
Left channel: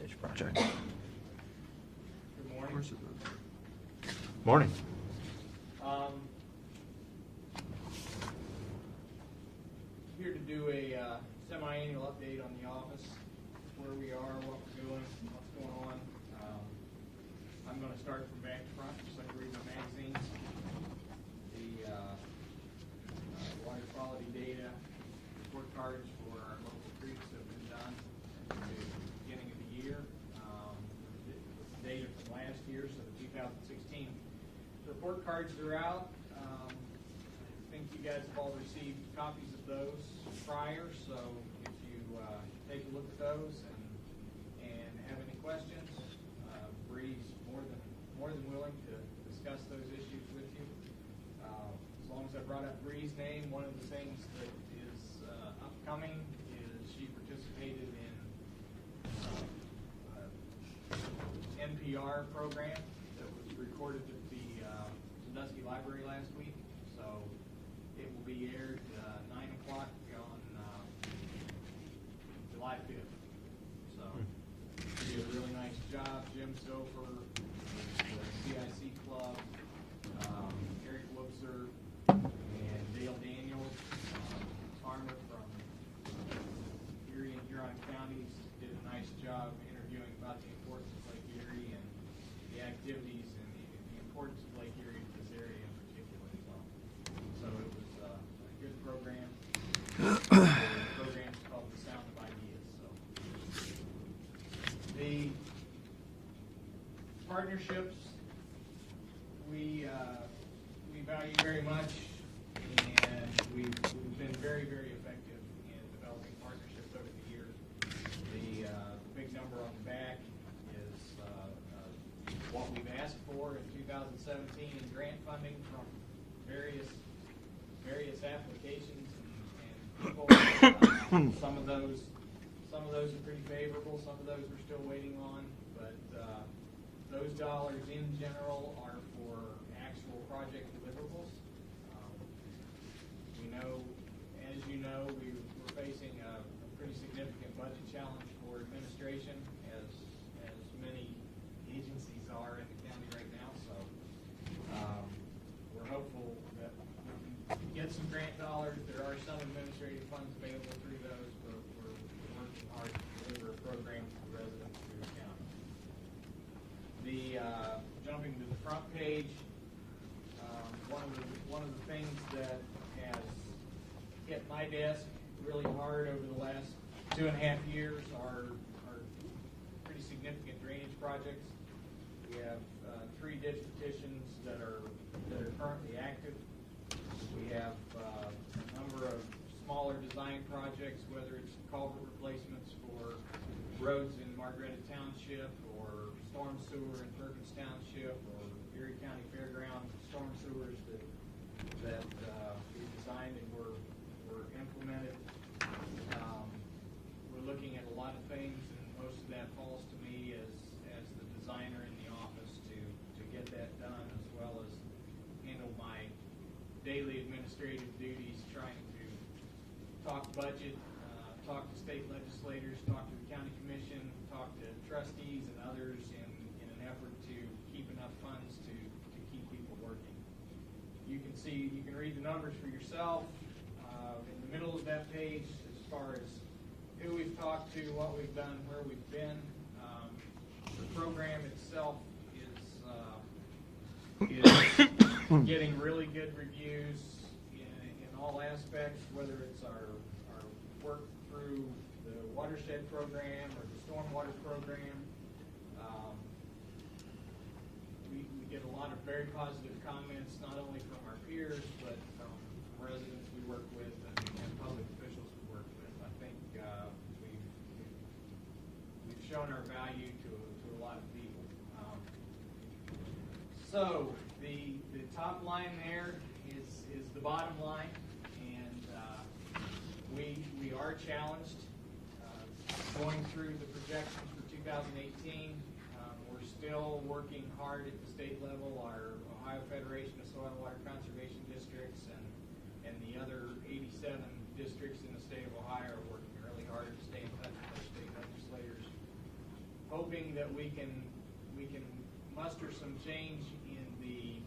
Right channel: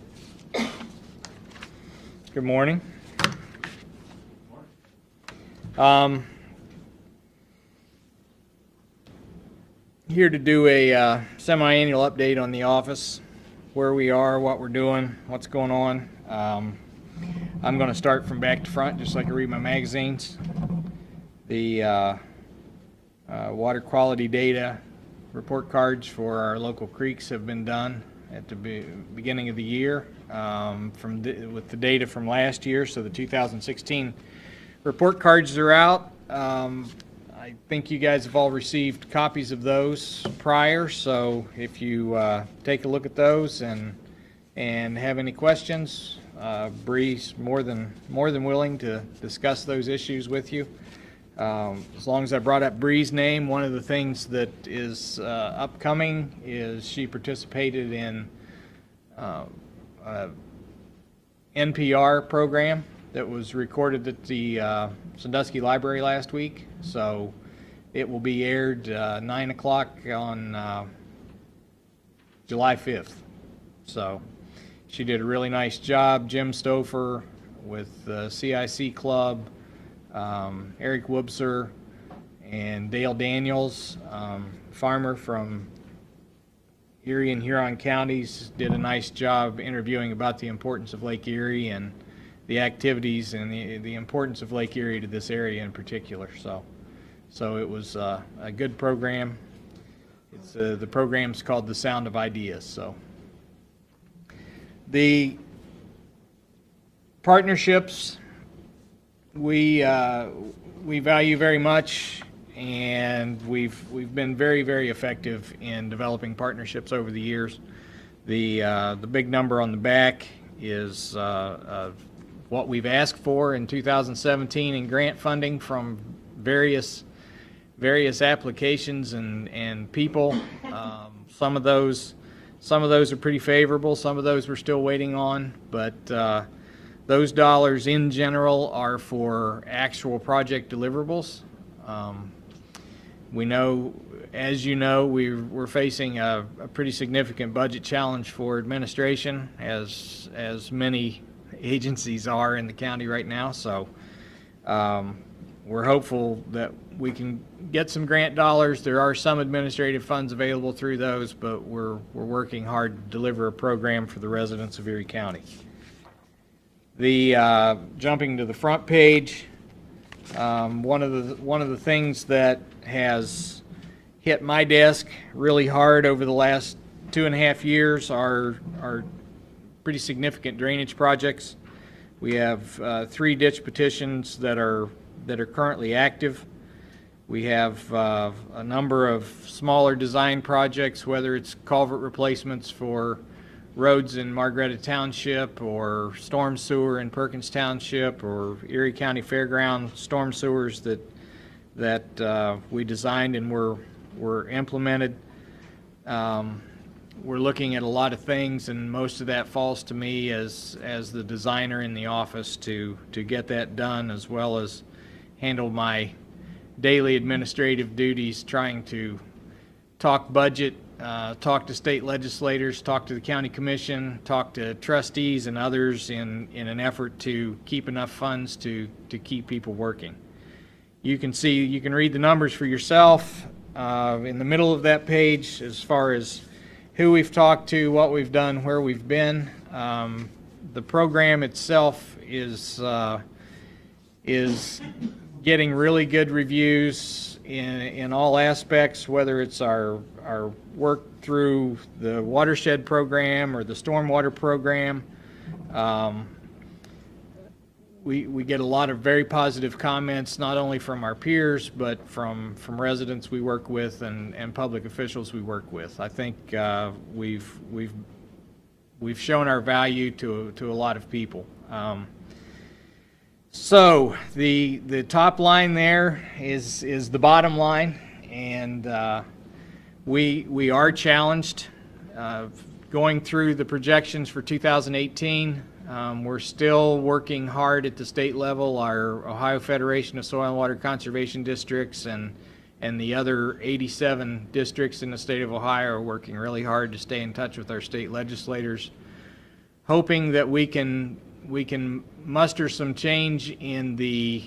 this project. Good morning. Morning. Here to do a semi-annual update on the office, where we are, what we're doing, what's going on. I'm going to start from back to front, just like I read my magazines. The water quality data report cards for our local creeks have been done at the beginning of the year with the data from last year, so the 2016 report cards are out. I think you guys have all received copies of those prior, so if you take a look at those and have any questions, Bree's more than willing to discuss those issues with you. As long as I brought up Bree's name, one of the things that is upcoming is she participated in a NPR program that was recorded at the Sandusky Library last week. So it will be aired 9 o'clock on July 5th. So she did a really nice job. Jim Stouffer with the CIC Club, Eric Wubser, and Dale Daniels, farmer from Erie and Huron counties, did a nice job interviewing about the importance of Lake Erie and the activities and the importance of Lake Erie to this area in particular. So it was a good program. The program's called The Sound of Ideas. So the partnerships we value very much, and we've been very, very effective in developing partnerships over the years. The big number on the back is what we've asked for in 2017 in grant funding from various applications and people. Some of those are pretty favorable. Some of those we're still waiting on, but those dollars in general are for actual project deliverables. We know, as you know, we're facing a pretty significant budget challenge for administration, as many agencies are in the county right now. So we're hopeful that we can get some grant dollars. There are some administrative funds available through those, but we're working hard to deliver a program for the residents of Erie County. The jumping to the front page, one of the things that has hit my desk really hard over the last 2.5 years are pretty significant drainage projects. We have 3 ditch petitions that are currently active. We have a number of smaller design projects, whether it's culvert replacements for roads in Margaretta Township or storm sewer in Perkins Township or Erie County Fairground storm sewers that we designed and were implemented. We're looking at a lot of things, and most of that falls to me as the designer in the office to get that done, as well as handle my daily administrative duties, trying to talk budget, talk to state legislators, talk to the county commission, talk to trustees and others in an effort to keep enough funds to keep people working. You can read the numbers for yourself in the middle of that page as far as who we've talked to, what we've done, where we've been. The program itself is getting really good reviews in all aspects, whether it's our work through the watershed program or the stormwater program. We get a lot of very positive comments, not only from our peers, but from residents we work with and public officials we work with. I think we've shown our value to a lot of people. So the top line there is the bottom line, and we are challenged going through the projections for 2018. We're still working hard at the state level. Our Ohio Federation of Soil and Water Conservation Districts and the other 87 districts in the state of Ohio are working really hard to stay in touch with our state legislators, hoping that we can muster some change in the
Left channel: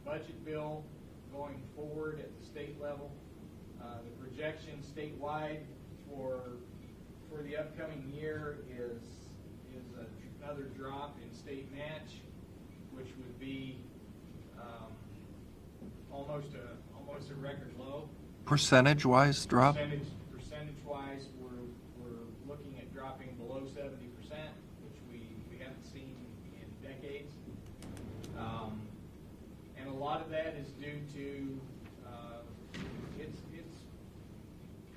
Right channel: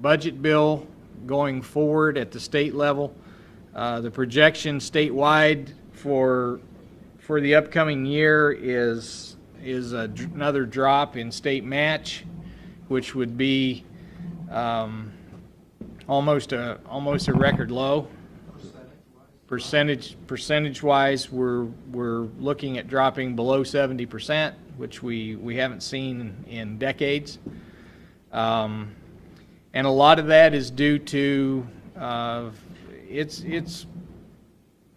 budget bill going forward at the state level. The projection statewide for the upcoming year is another drop in state match, which would be almost a record low. Percentage-wise drop? Percentage-wise, we're looking at dropping below 70%, which we haven't seen in decades. And a lot of that is due to it's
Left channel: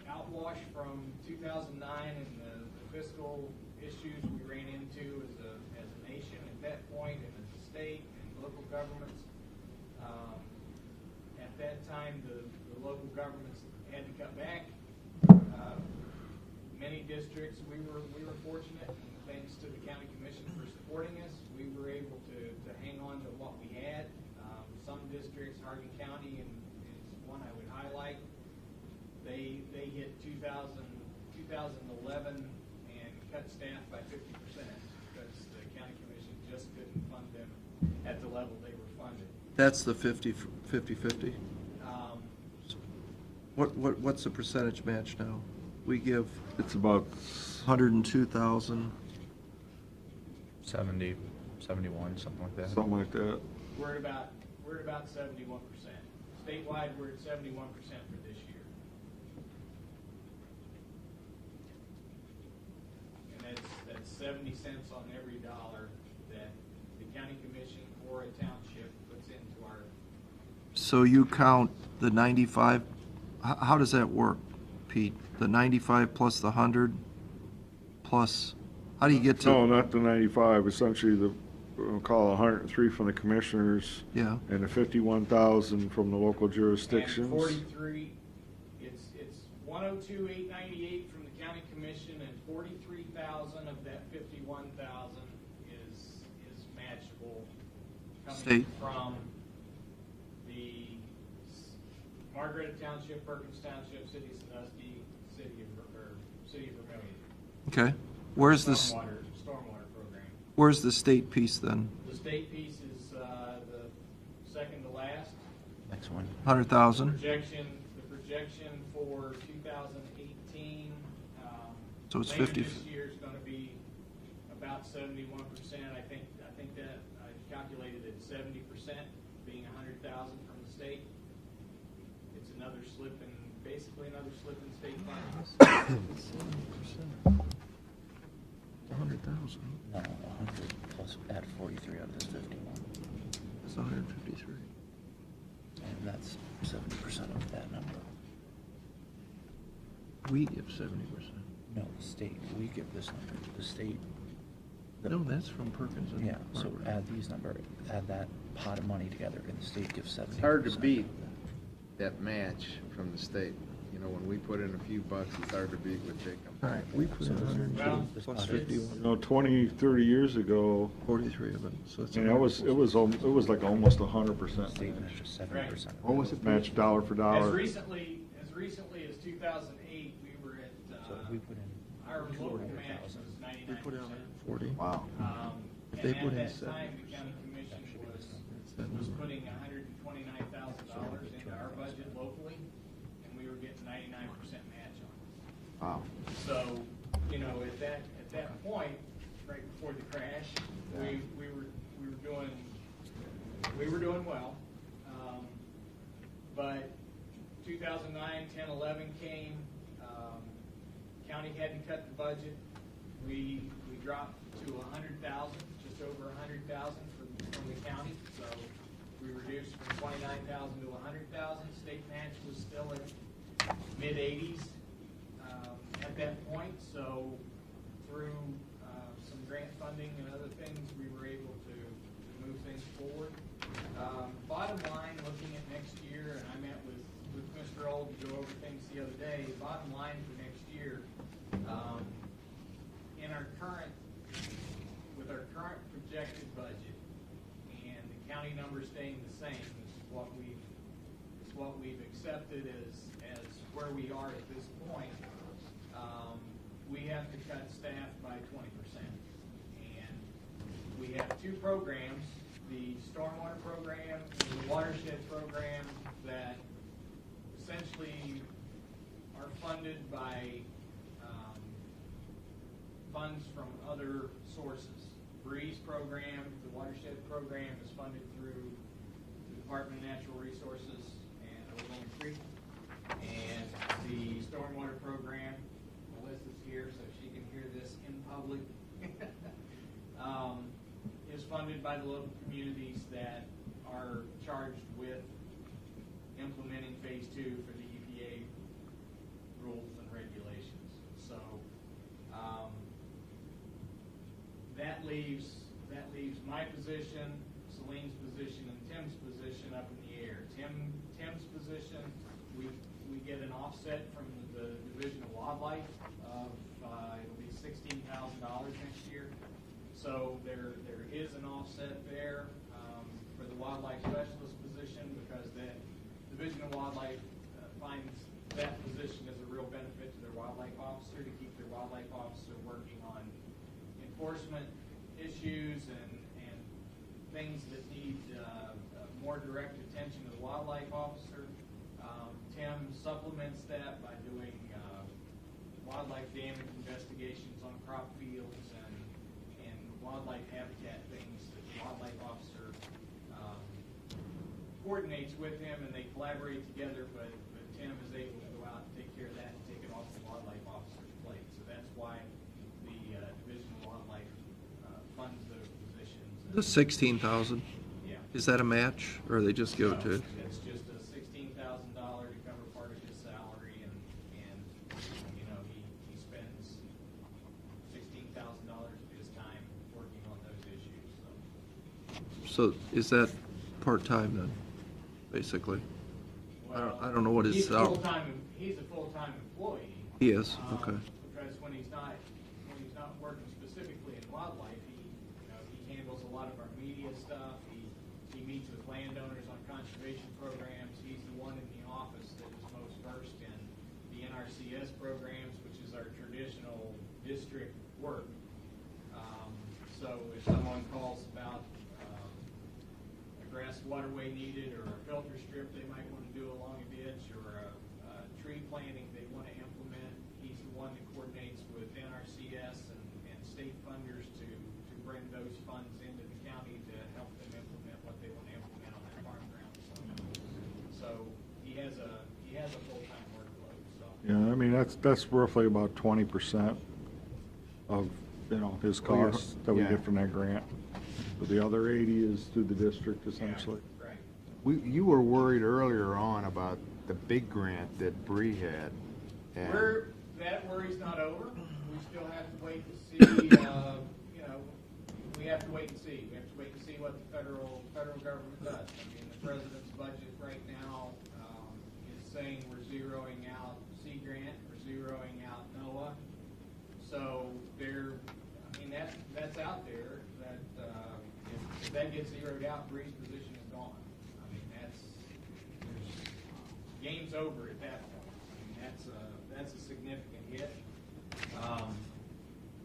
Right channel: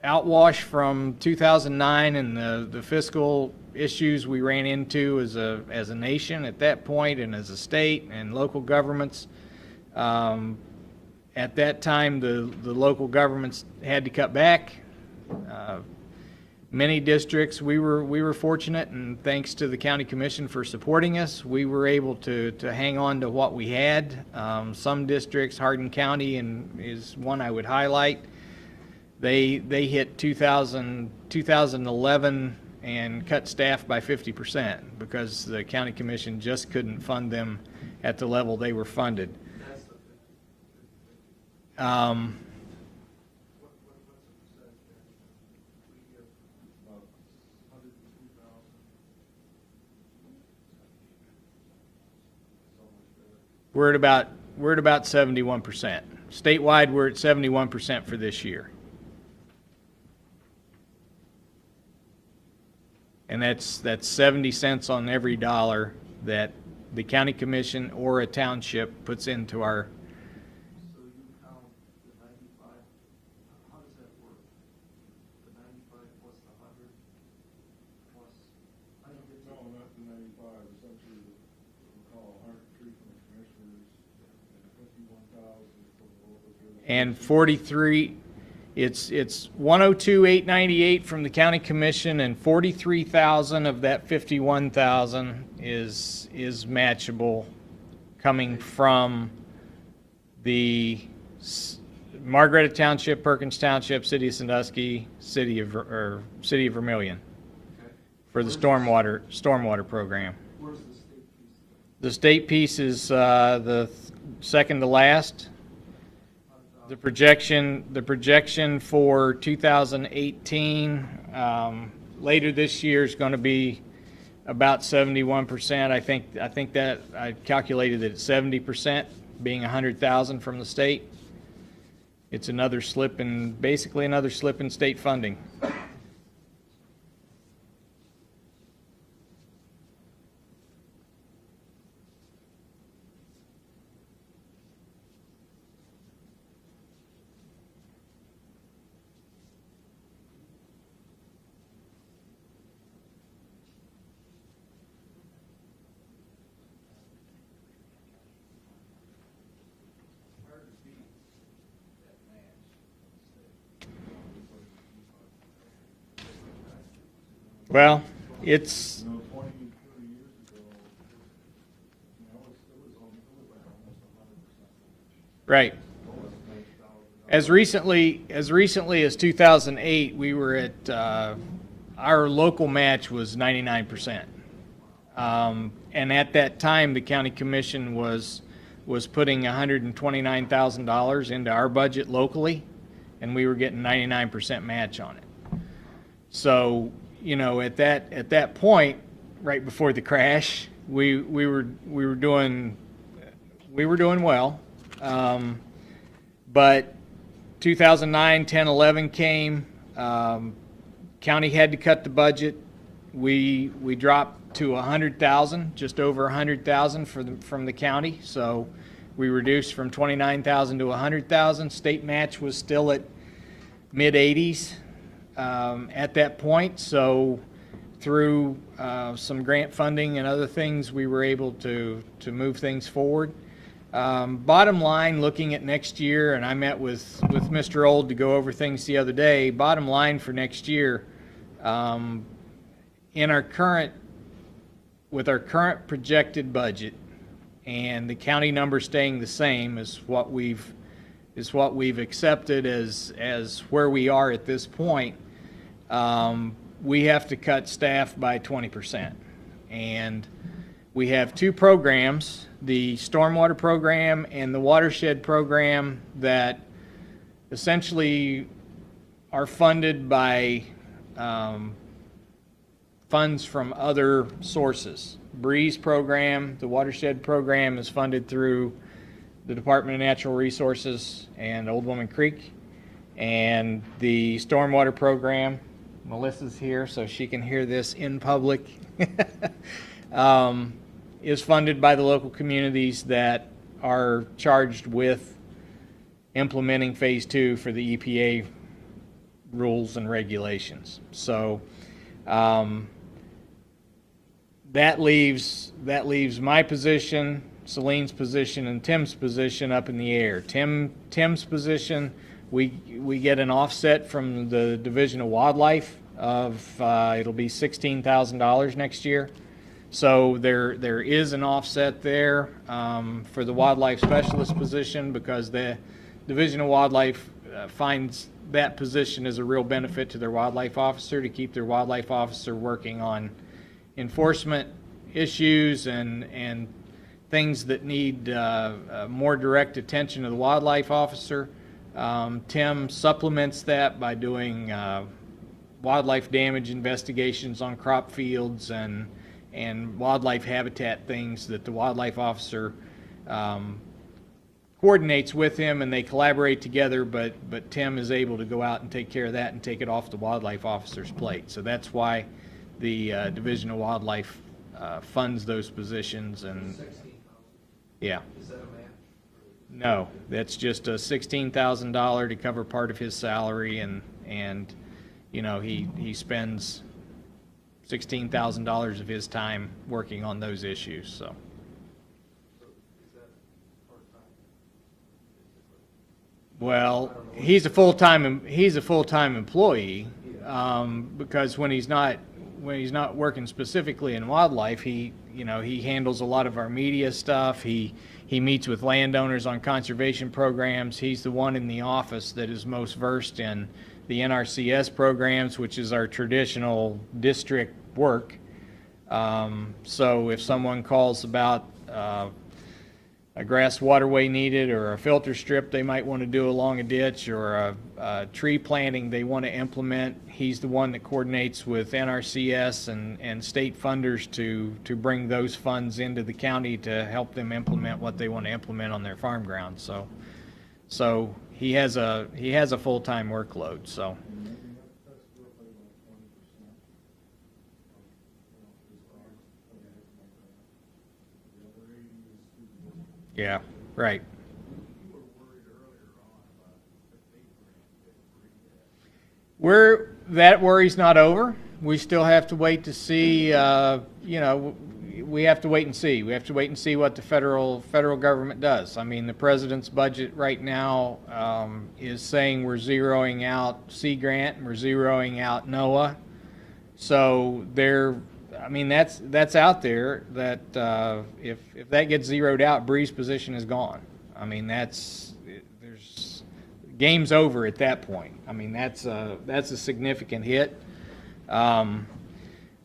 outwash from 2009 and the fiscal issues we ran into as a nation at that point, and as a state and local governments. At that time, the local governments had to cut back. Many districts, we were fortunate, and thanks to the county commission for supporting us, we were able to hang on to what we had. Some districts, Hardin County is one I would highlight. They hit 2011 and cut staff by 50% because the county commission just couldn't fund them at the level they were funded. That's the 50/50? What's the percentage match now? We give It's about 102,000. 70, 71, something like that. something like that. We're at about 71%. Statewide, we're at 71% for this year. And that's 70 cents on every dollar that the county commission or a township puts into our. So you count the 95, how does that work, Pete? The 95 plus the 100 plus, how do you get to? No, not the 95, essentially we'll call 103 from the commissioners. Yeah. And the 51,000 from the local And jurisdictions. 43, it's 102,898 from the county commission, and 43,000 of that 51,000 is matchable, coming State. from the Margaretta Township, Perkins Township, City of Sandusky, City of Vermillion Okay. for the stormwater program. Where's the state piece then? The state piece is the second to last. Next one. 100,000? The projection for 2018, So it's later 50. this year, is going to be about 71%. I think that I calculated it at 70%, being 100,000 from the state. It's basically another slip in state funding. 100,000. No, 100 plus add 43 of this 51. That's 153. And that's 70% of that number. We give 70%. No, the state we give this number to the state. No, that's from Perkins. and Yeah, so Harvard. add these number, add that pot of money together, and the state gives 70%. It's hard to beat that match from the state. You know, when we put in a few bucks, it's hard to beat what they All can. right, we put in 100. Well, it's, You know, 20, 30 years ago, 43 of it, so it's. and it was like almost 100% State matches 70%. Right. What was it? match dollar for dollar. as recently as 2008, we were at, our local match was 99%. Wow. And at that time, the county commission was putting $129,000 into our budget locally, and we were getting 99% match on it. Wow. So, you know, at that point, right before the crash, we were doing well. But 2009, 10, 11 came. County had to cut the budget. We dropped to 100,000, just over 100,000 from the county. So we reduced from 29,000 to 100,000. State match was still at mid 80s at that point. So through some grant funding and other things, we were able to move things forward. Bottom line, looking at next year, and I met with Mr. Old to go over things the other day. Bottom line for next year, with our current projected budget and the county number staying the same as what we've accepted as where we are at this point, we have to cut staff by 20%. And we have two programs, the stormwater program and the watershed program, that essentially are funded by funds from other sources. Breeze program, the watershed program, is funded through the Department of Natural Resources and Old Woman Creek. And the stormwater program, Melissa's here so she can hear this in public, is funded by the local communities that are charged with implementing phase 2 for the EPA rules and regulations. So that leaves my position, Celine's position, and Tim's position up in the air. Tim's position, we get an offset from the Division of Wildlife of it'll be $16,000 next year. So there is an offset there for the wildlife specialist position, because the Division of Wildlife finds that position as a real benefit to their wildlife officer, to keep their wildlife officer working on enforcement issues and things that need more direct attention of the wildlife officer. Tim supplements that by doing wildlife damage investigations on crop fields and wildlife habitat things that the wildlife officer coordinates with him, and they collaborate together, but Tim is able to go out and take care of that and take it off the wildlife officer's plate. So that's why the Division of Wildlife funds those positions. And 16,000, yeah. is that a match, or they just give No, it to? that's just a $16,000 to cover part of his salary, and you know, he spends $16,000 of his time working on those issues. So is that part-time then, basically? Well, I don't know what he's a his full-time employee. He is, okay. Because when he's not working specifically in wildlife, he handles a lot of our media stuff. He meets with landowners on conservation programs. He's the one in the office that is most versed in the NRCS programs, which is our traditional district work. So if someone calls about a grass waterway needed, or a filter strip they might want to do along a ditch, or a tree planting they want to implement, he's the one that coordinates with NRCS and state funders to bring those funds into the county to help them implement what they want to implement on their farm ground. So he has a full-time workload. So Yeah, I mean, that's roughly about 20% of, his costs that we yeah. get from that grant. But the other 80 is through the district yeah, essentially. right. You were worried earlier on about the big grant that Bree had. And That worry's not over. we still have to wait to see, you know, we have to wait and see. We have to wait and see what the federal government does. I mean, the president's budget right now is saying we're zeroing out Sea Grant and we're zeroing out NOAA. So I mean, that's out there that if that gets zeroed out, Bree's position is gone. I mean, there's game's over at that point. I mean, that's a significant hit.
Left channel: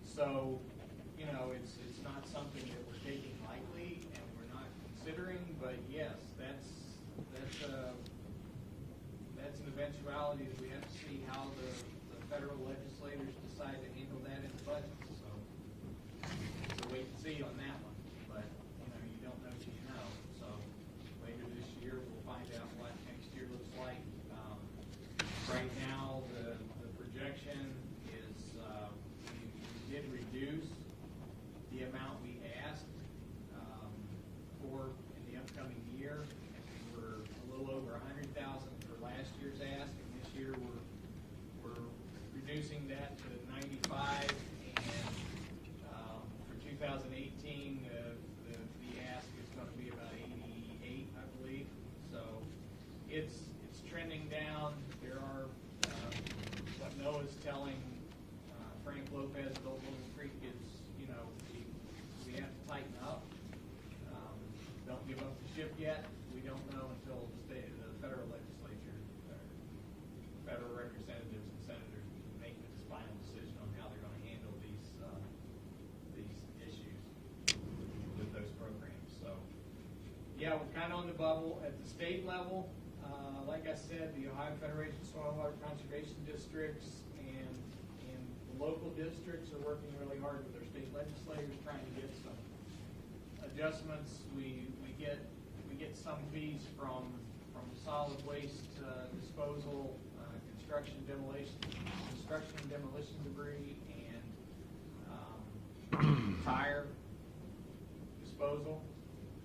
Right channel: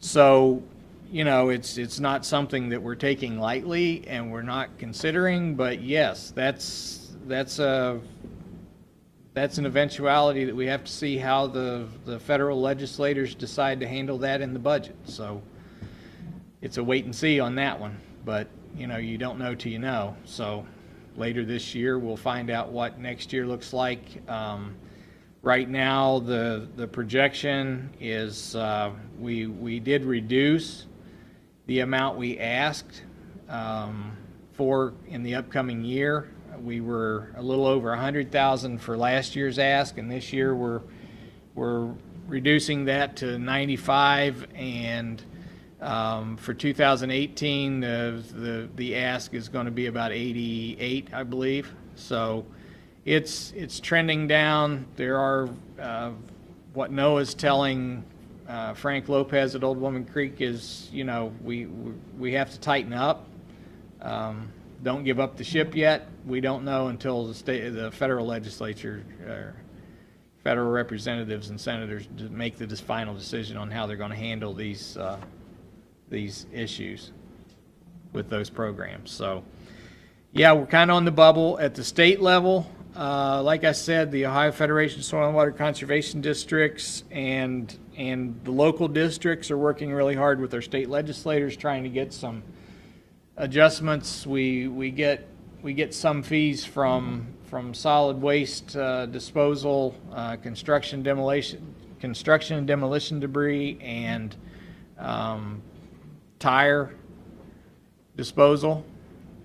So, you know, it's not something that we're taking lightly and we're not considering, but yes, that's an eventuality that we have to see how the federal legislators decide to handle that in the budget. So it's a wait and see on that one, but you know, you don't know till you know. So later this year, we'll find out what next year looks like. Right now, the projection is we did reduce the amount we asked for in the upcoming year. We were a little over 100,000 for last year's ask, and this year we're reducing that to 95. And for 2018, the ask is going to be about 88, I believe. So it's trending down. There are what NOAA's telling Frank Lopez at Old Woman Creek is, you know, we have to tighten up. Don't give up the ship yet. We don't know until the federal legislature, federal representatives and senators make the final decision on how they're going to handle these issues with those programs. So, yeah, we're kind of on the bubble at the state level. Like I said, the Ohio Federation of Soil and Water Conservation Districts and the local districts are working really hard with their state legislators trying to get some adjustments. We get some fees from solid waste disposal, construction and demolition debris, and tire disposal.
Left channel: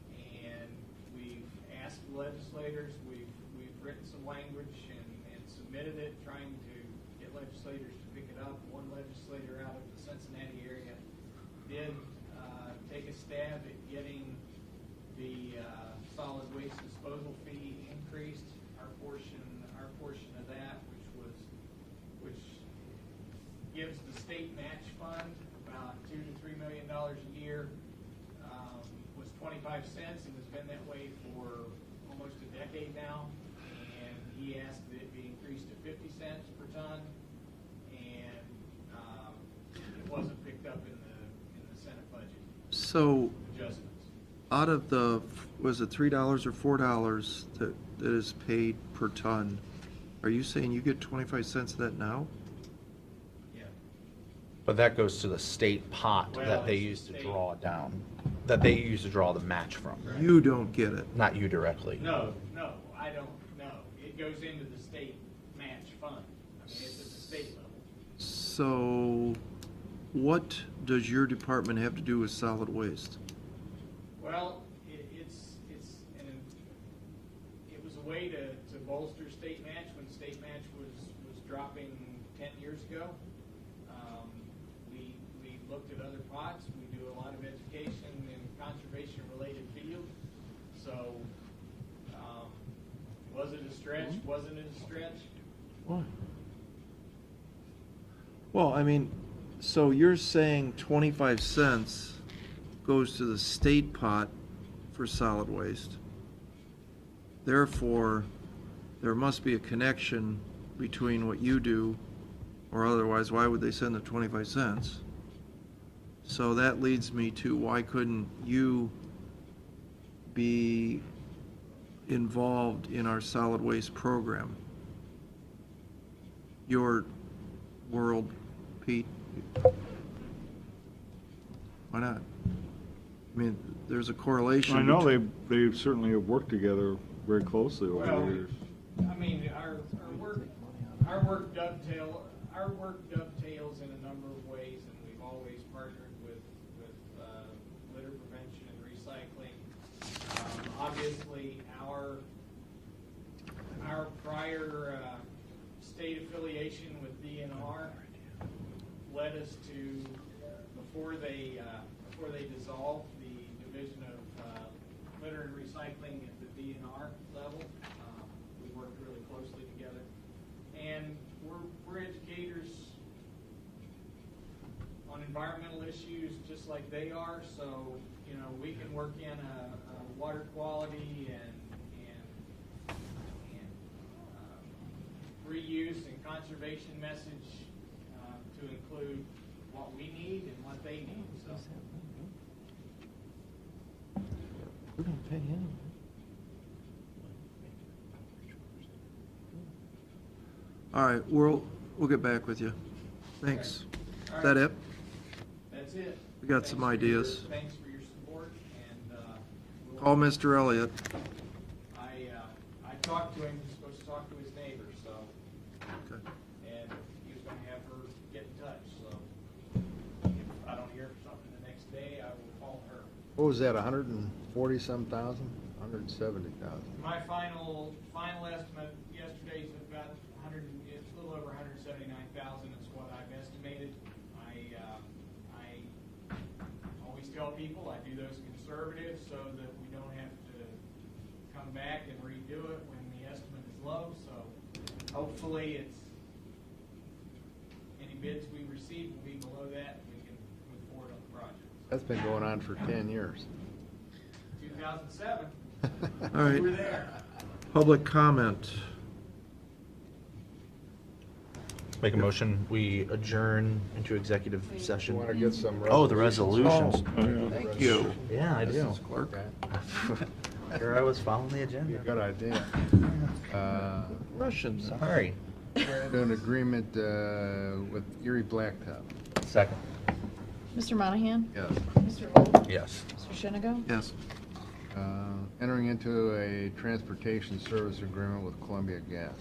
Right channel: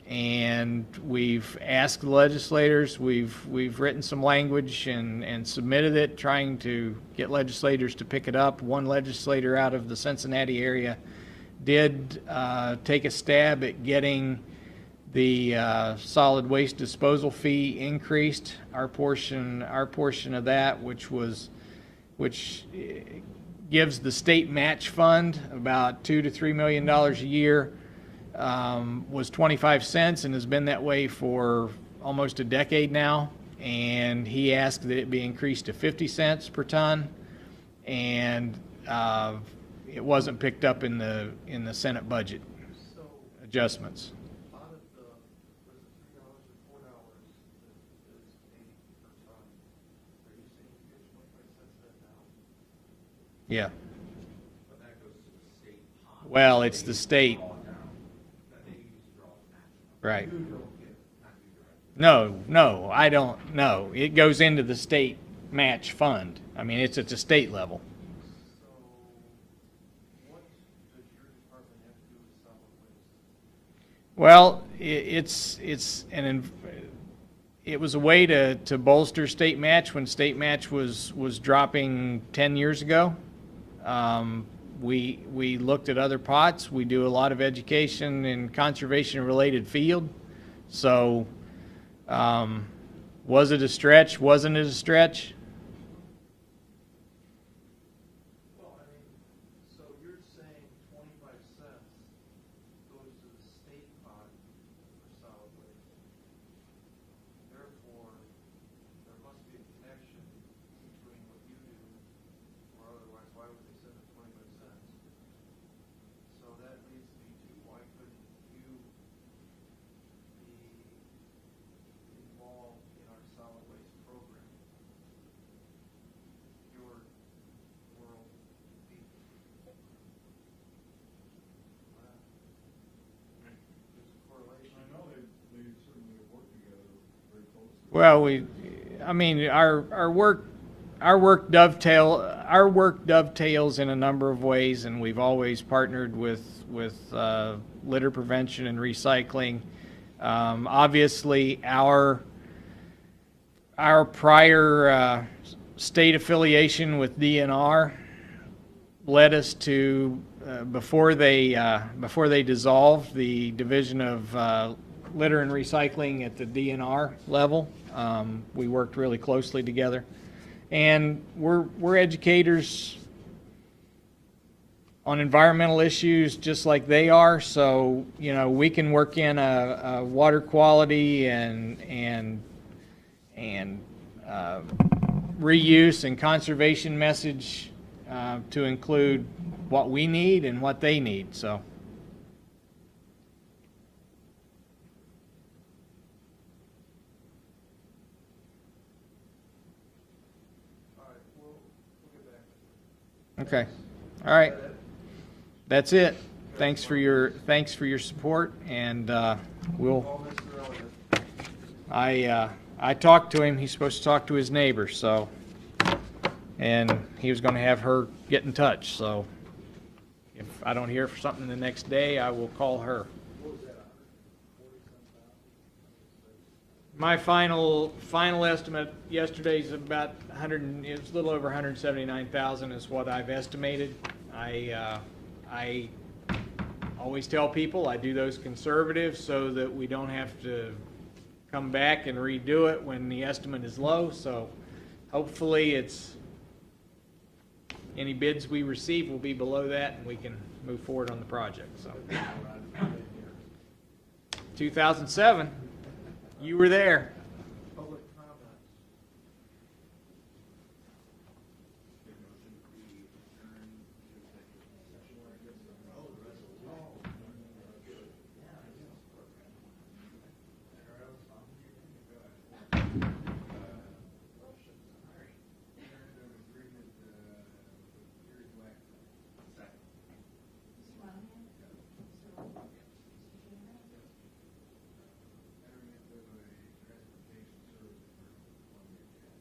And we've asked the legislators, we've written some language and submitted it, trying to get legislators to pick it up. One legislator out of the Cincinnati area did take a stab at getting the solid waste disposal fee increased. Our portion of that, which gives the state match fund about $2 to $3 million a year, was 25 cents and has been that way for almost a decade now. And he asked that it be increased to 50 cents per ton, and it wasn't picked up in the Senate budget So adjustments. out of the, was it $3 or $4 that is paid per ton, are you saying you get 25 cents of that now? Yeah. But that goes to the state pot. Well, that it's they the use to state. draw down, that they use to draw the match from. Right. You don't get it. Not you directly. No, I don't know. It goes into the state match fund. I mean, it's at the state level. So what does your department have to do with solid waste? Well, it was a way to bolster state match when state match was dropping 10 years ago. We looked at other pots. We do a lot of education in conservation-related field. So, was it a stretch? Wasn't it a stretch? Well, I mean, so you're saying 25 cents goes to the state pot for solid waste. Therefore, there must be a connection between what you do, or otherwise, why would they send the 25 cents? So that leads me to, why couldn't you be involved in our solid waste program? Your world, Pete? Why not? I mean, there's a correlation. I know they certainly have worked together very closely. over Well, the years. I mean, our work dovetails in a number of ways, and we've always partnered with litter prevention and recycling. Obviously, our prior state affiliation with DNR led us to, before they dissolved the Division of Litter and Recycling at the DNR level, we worked really closely together. And we're educators on environmental issues just like they are, so, you know, we can work in a water quality and reuse and conservation message to include what we need and what they need, so. We don't pay him. All right, we'll get back with you. Okay. Thanks. All right. Is that it? That's it. We got Thanks some for your, ideas. thanks for your support, and we'll, Oh, Mr. Elliott. I talked to him, he's supposed to talk to his neighbor, so, and he was gonna have her get in touch, so if I don't hear for something the next day, I will call her. What was that, 140-some thousand? 170,000? My final estimate yesterday's about it was a little over 179,000 is what I've estimated. I always tell people I do those conservative so that we don't have to come back and redo it when the estimate is low, so hopefully any bids we receive will be below that and we can move forward on the project. So, That's been going on for 10 years. 2007, All we right. were there. Public comment. Make a motion, we adjourn into executive You session. want to get some Oh, the resolutions. Thank you. Yeah, I do. Clerk. Here I was following the Be a agenda. good idea. Russians. Sorry. Do an agreement with Erie Blacktop. Second. Mr. Monahan? Yes. Mr. Old? Yes. Mr. Shenigo? Yes. Entering into a transportation service agreement with Columbia Gas.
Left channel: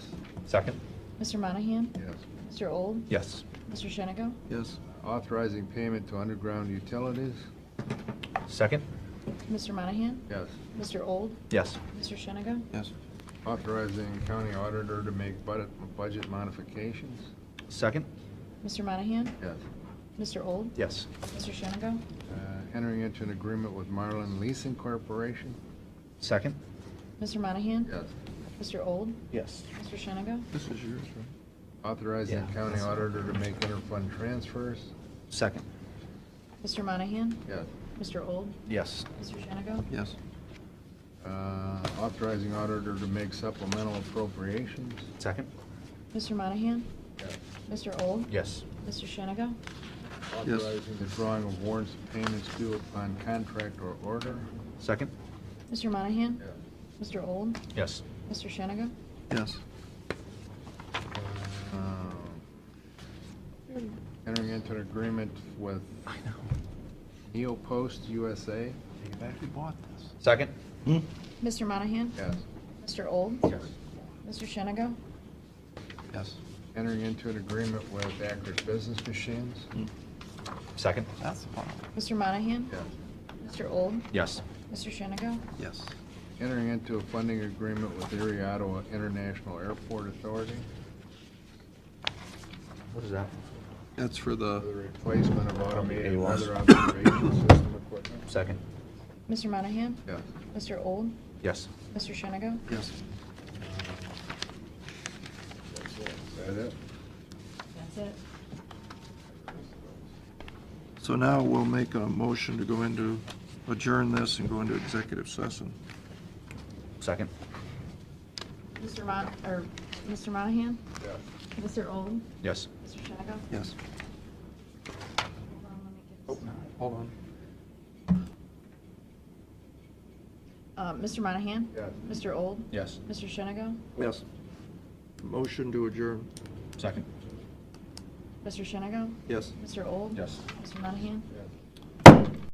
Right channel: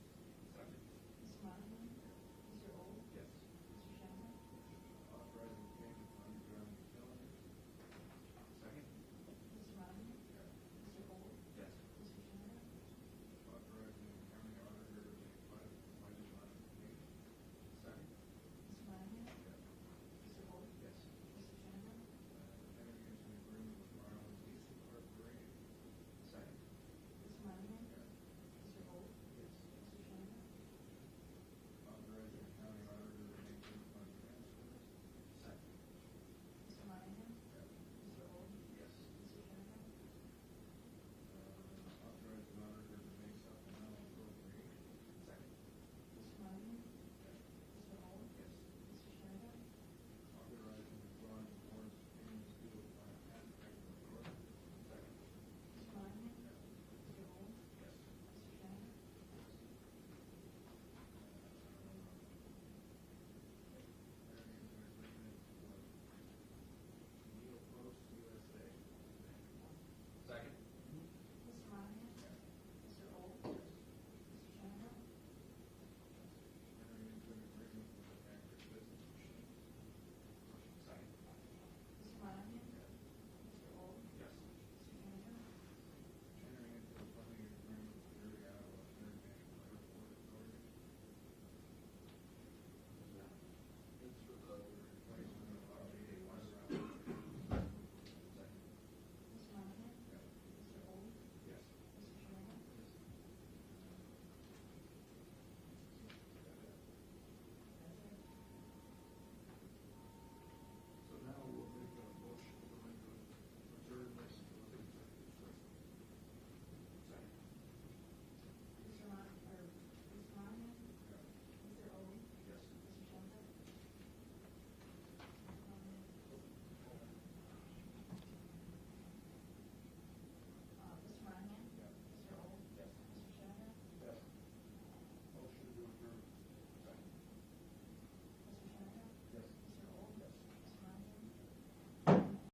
Second. Mr. Monahan? Yes. Mr. Old? Yes. Mr. Shenigo? Yes. Authorizing payment to underground utilities. Second. Mr. Monahan? Yes. Mr. Old? Yes. Mr. Shenigo? Yes. Authorizing county auditor to make budget modifications. Second. Mr. Monahan? Yes. Mr. Old? Yes. Mr. Shenigo? Entering into an agreement with Marlin Leasing Corporation. Second. Mr. Monahan? Yes. Mr. Old? Yes. Mr. Shenigo? This is yours, right? Authorizing Yeah. county auditor to make interfund transfers. Second. Mr. Monahan? Yes. Mr. Old? Yes. Mr. Shenigo? Yes. Authorizing auditor to make supplemental appropriations. Second. Mr. Monahan? Yes. Mr. Old? Yes. Mr. Shenigo? Yes. Authorizing the drawing of warrants of payments due upon contract or order. Second. Mr. Monahan? Yes. Mr. Old? Yes. Mr. Shenigo? Yes. Entering into an agreement with Neopost USA. We bought this. Second. Mr. Monahan? Yes. Mr. Old? Yes. Mr. Shenigo? Yes. Entering into an agreement with Akers Business Machines. Second. That's the part. Mr. Monahan? Yes. Mr. Old? Yes. Mr. Shenigo? Yes. Entering into a funding agreement with Erie Ottawa International Airport Authority What is that? That's for the, for the replacement of automated AWOS. weather observation system equipment. Second. Mr. Monahan? Yes. Mr. Old? Yes. Mr. Shenigo? yes. Is that it? That's it. So now we'll make a motion to go into, adjourn this and go into executive session. Second. Mr. Monahan? Yes. Mr. Old? Yes. Mr. Shenigo? Yes. Hold on, Hold on. let me get this. Mr. Monahan? Yes. Mr. Old? Yes. Mr. Shenigo? Yes. Motion to adjourn. Second. Mr. Shenigo? Yes. Mr. Old? Yes. Mr. Monahan? Yes.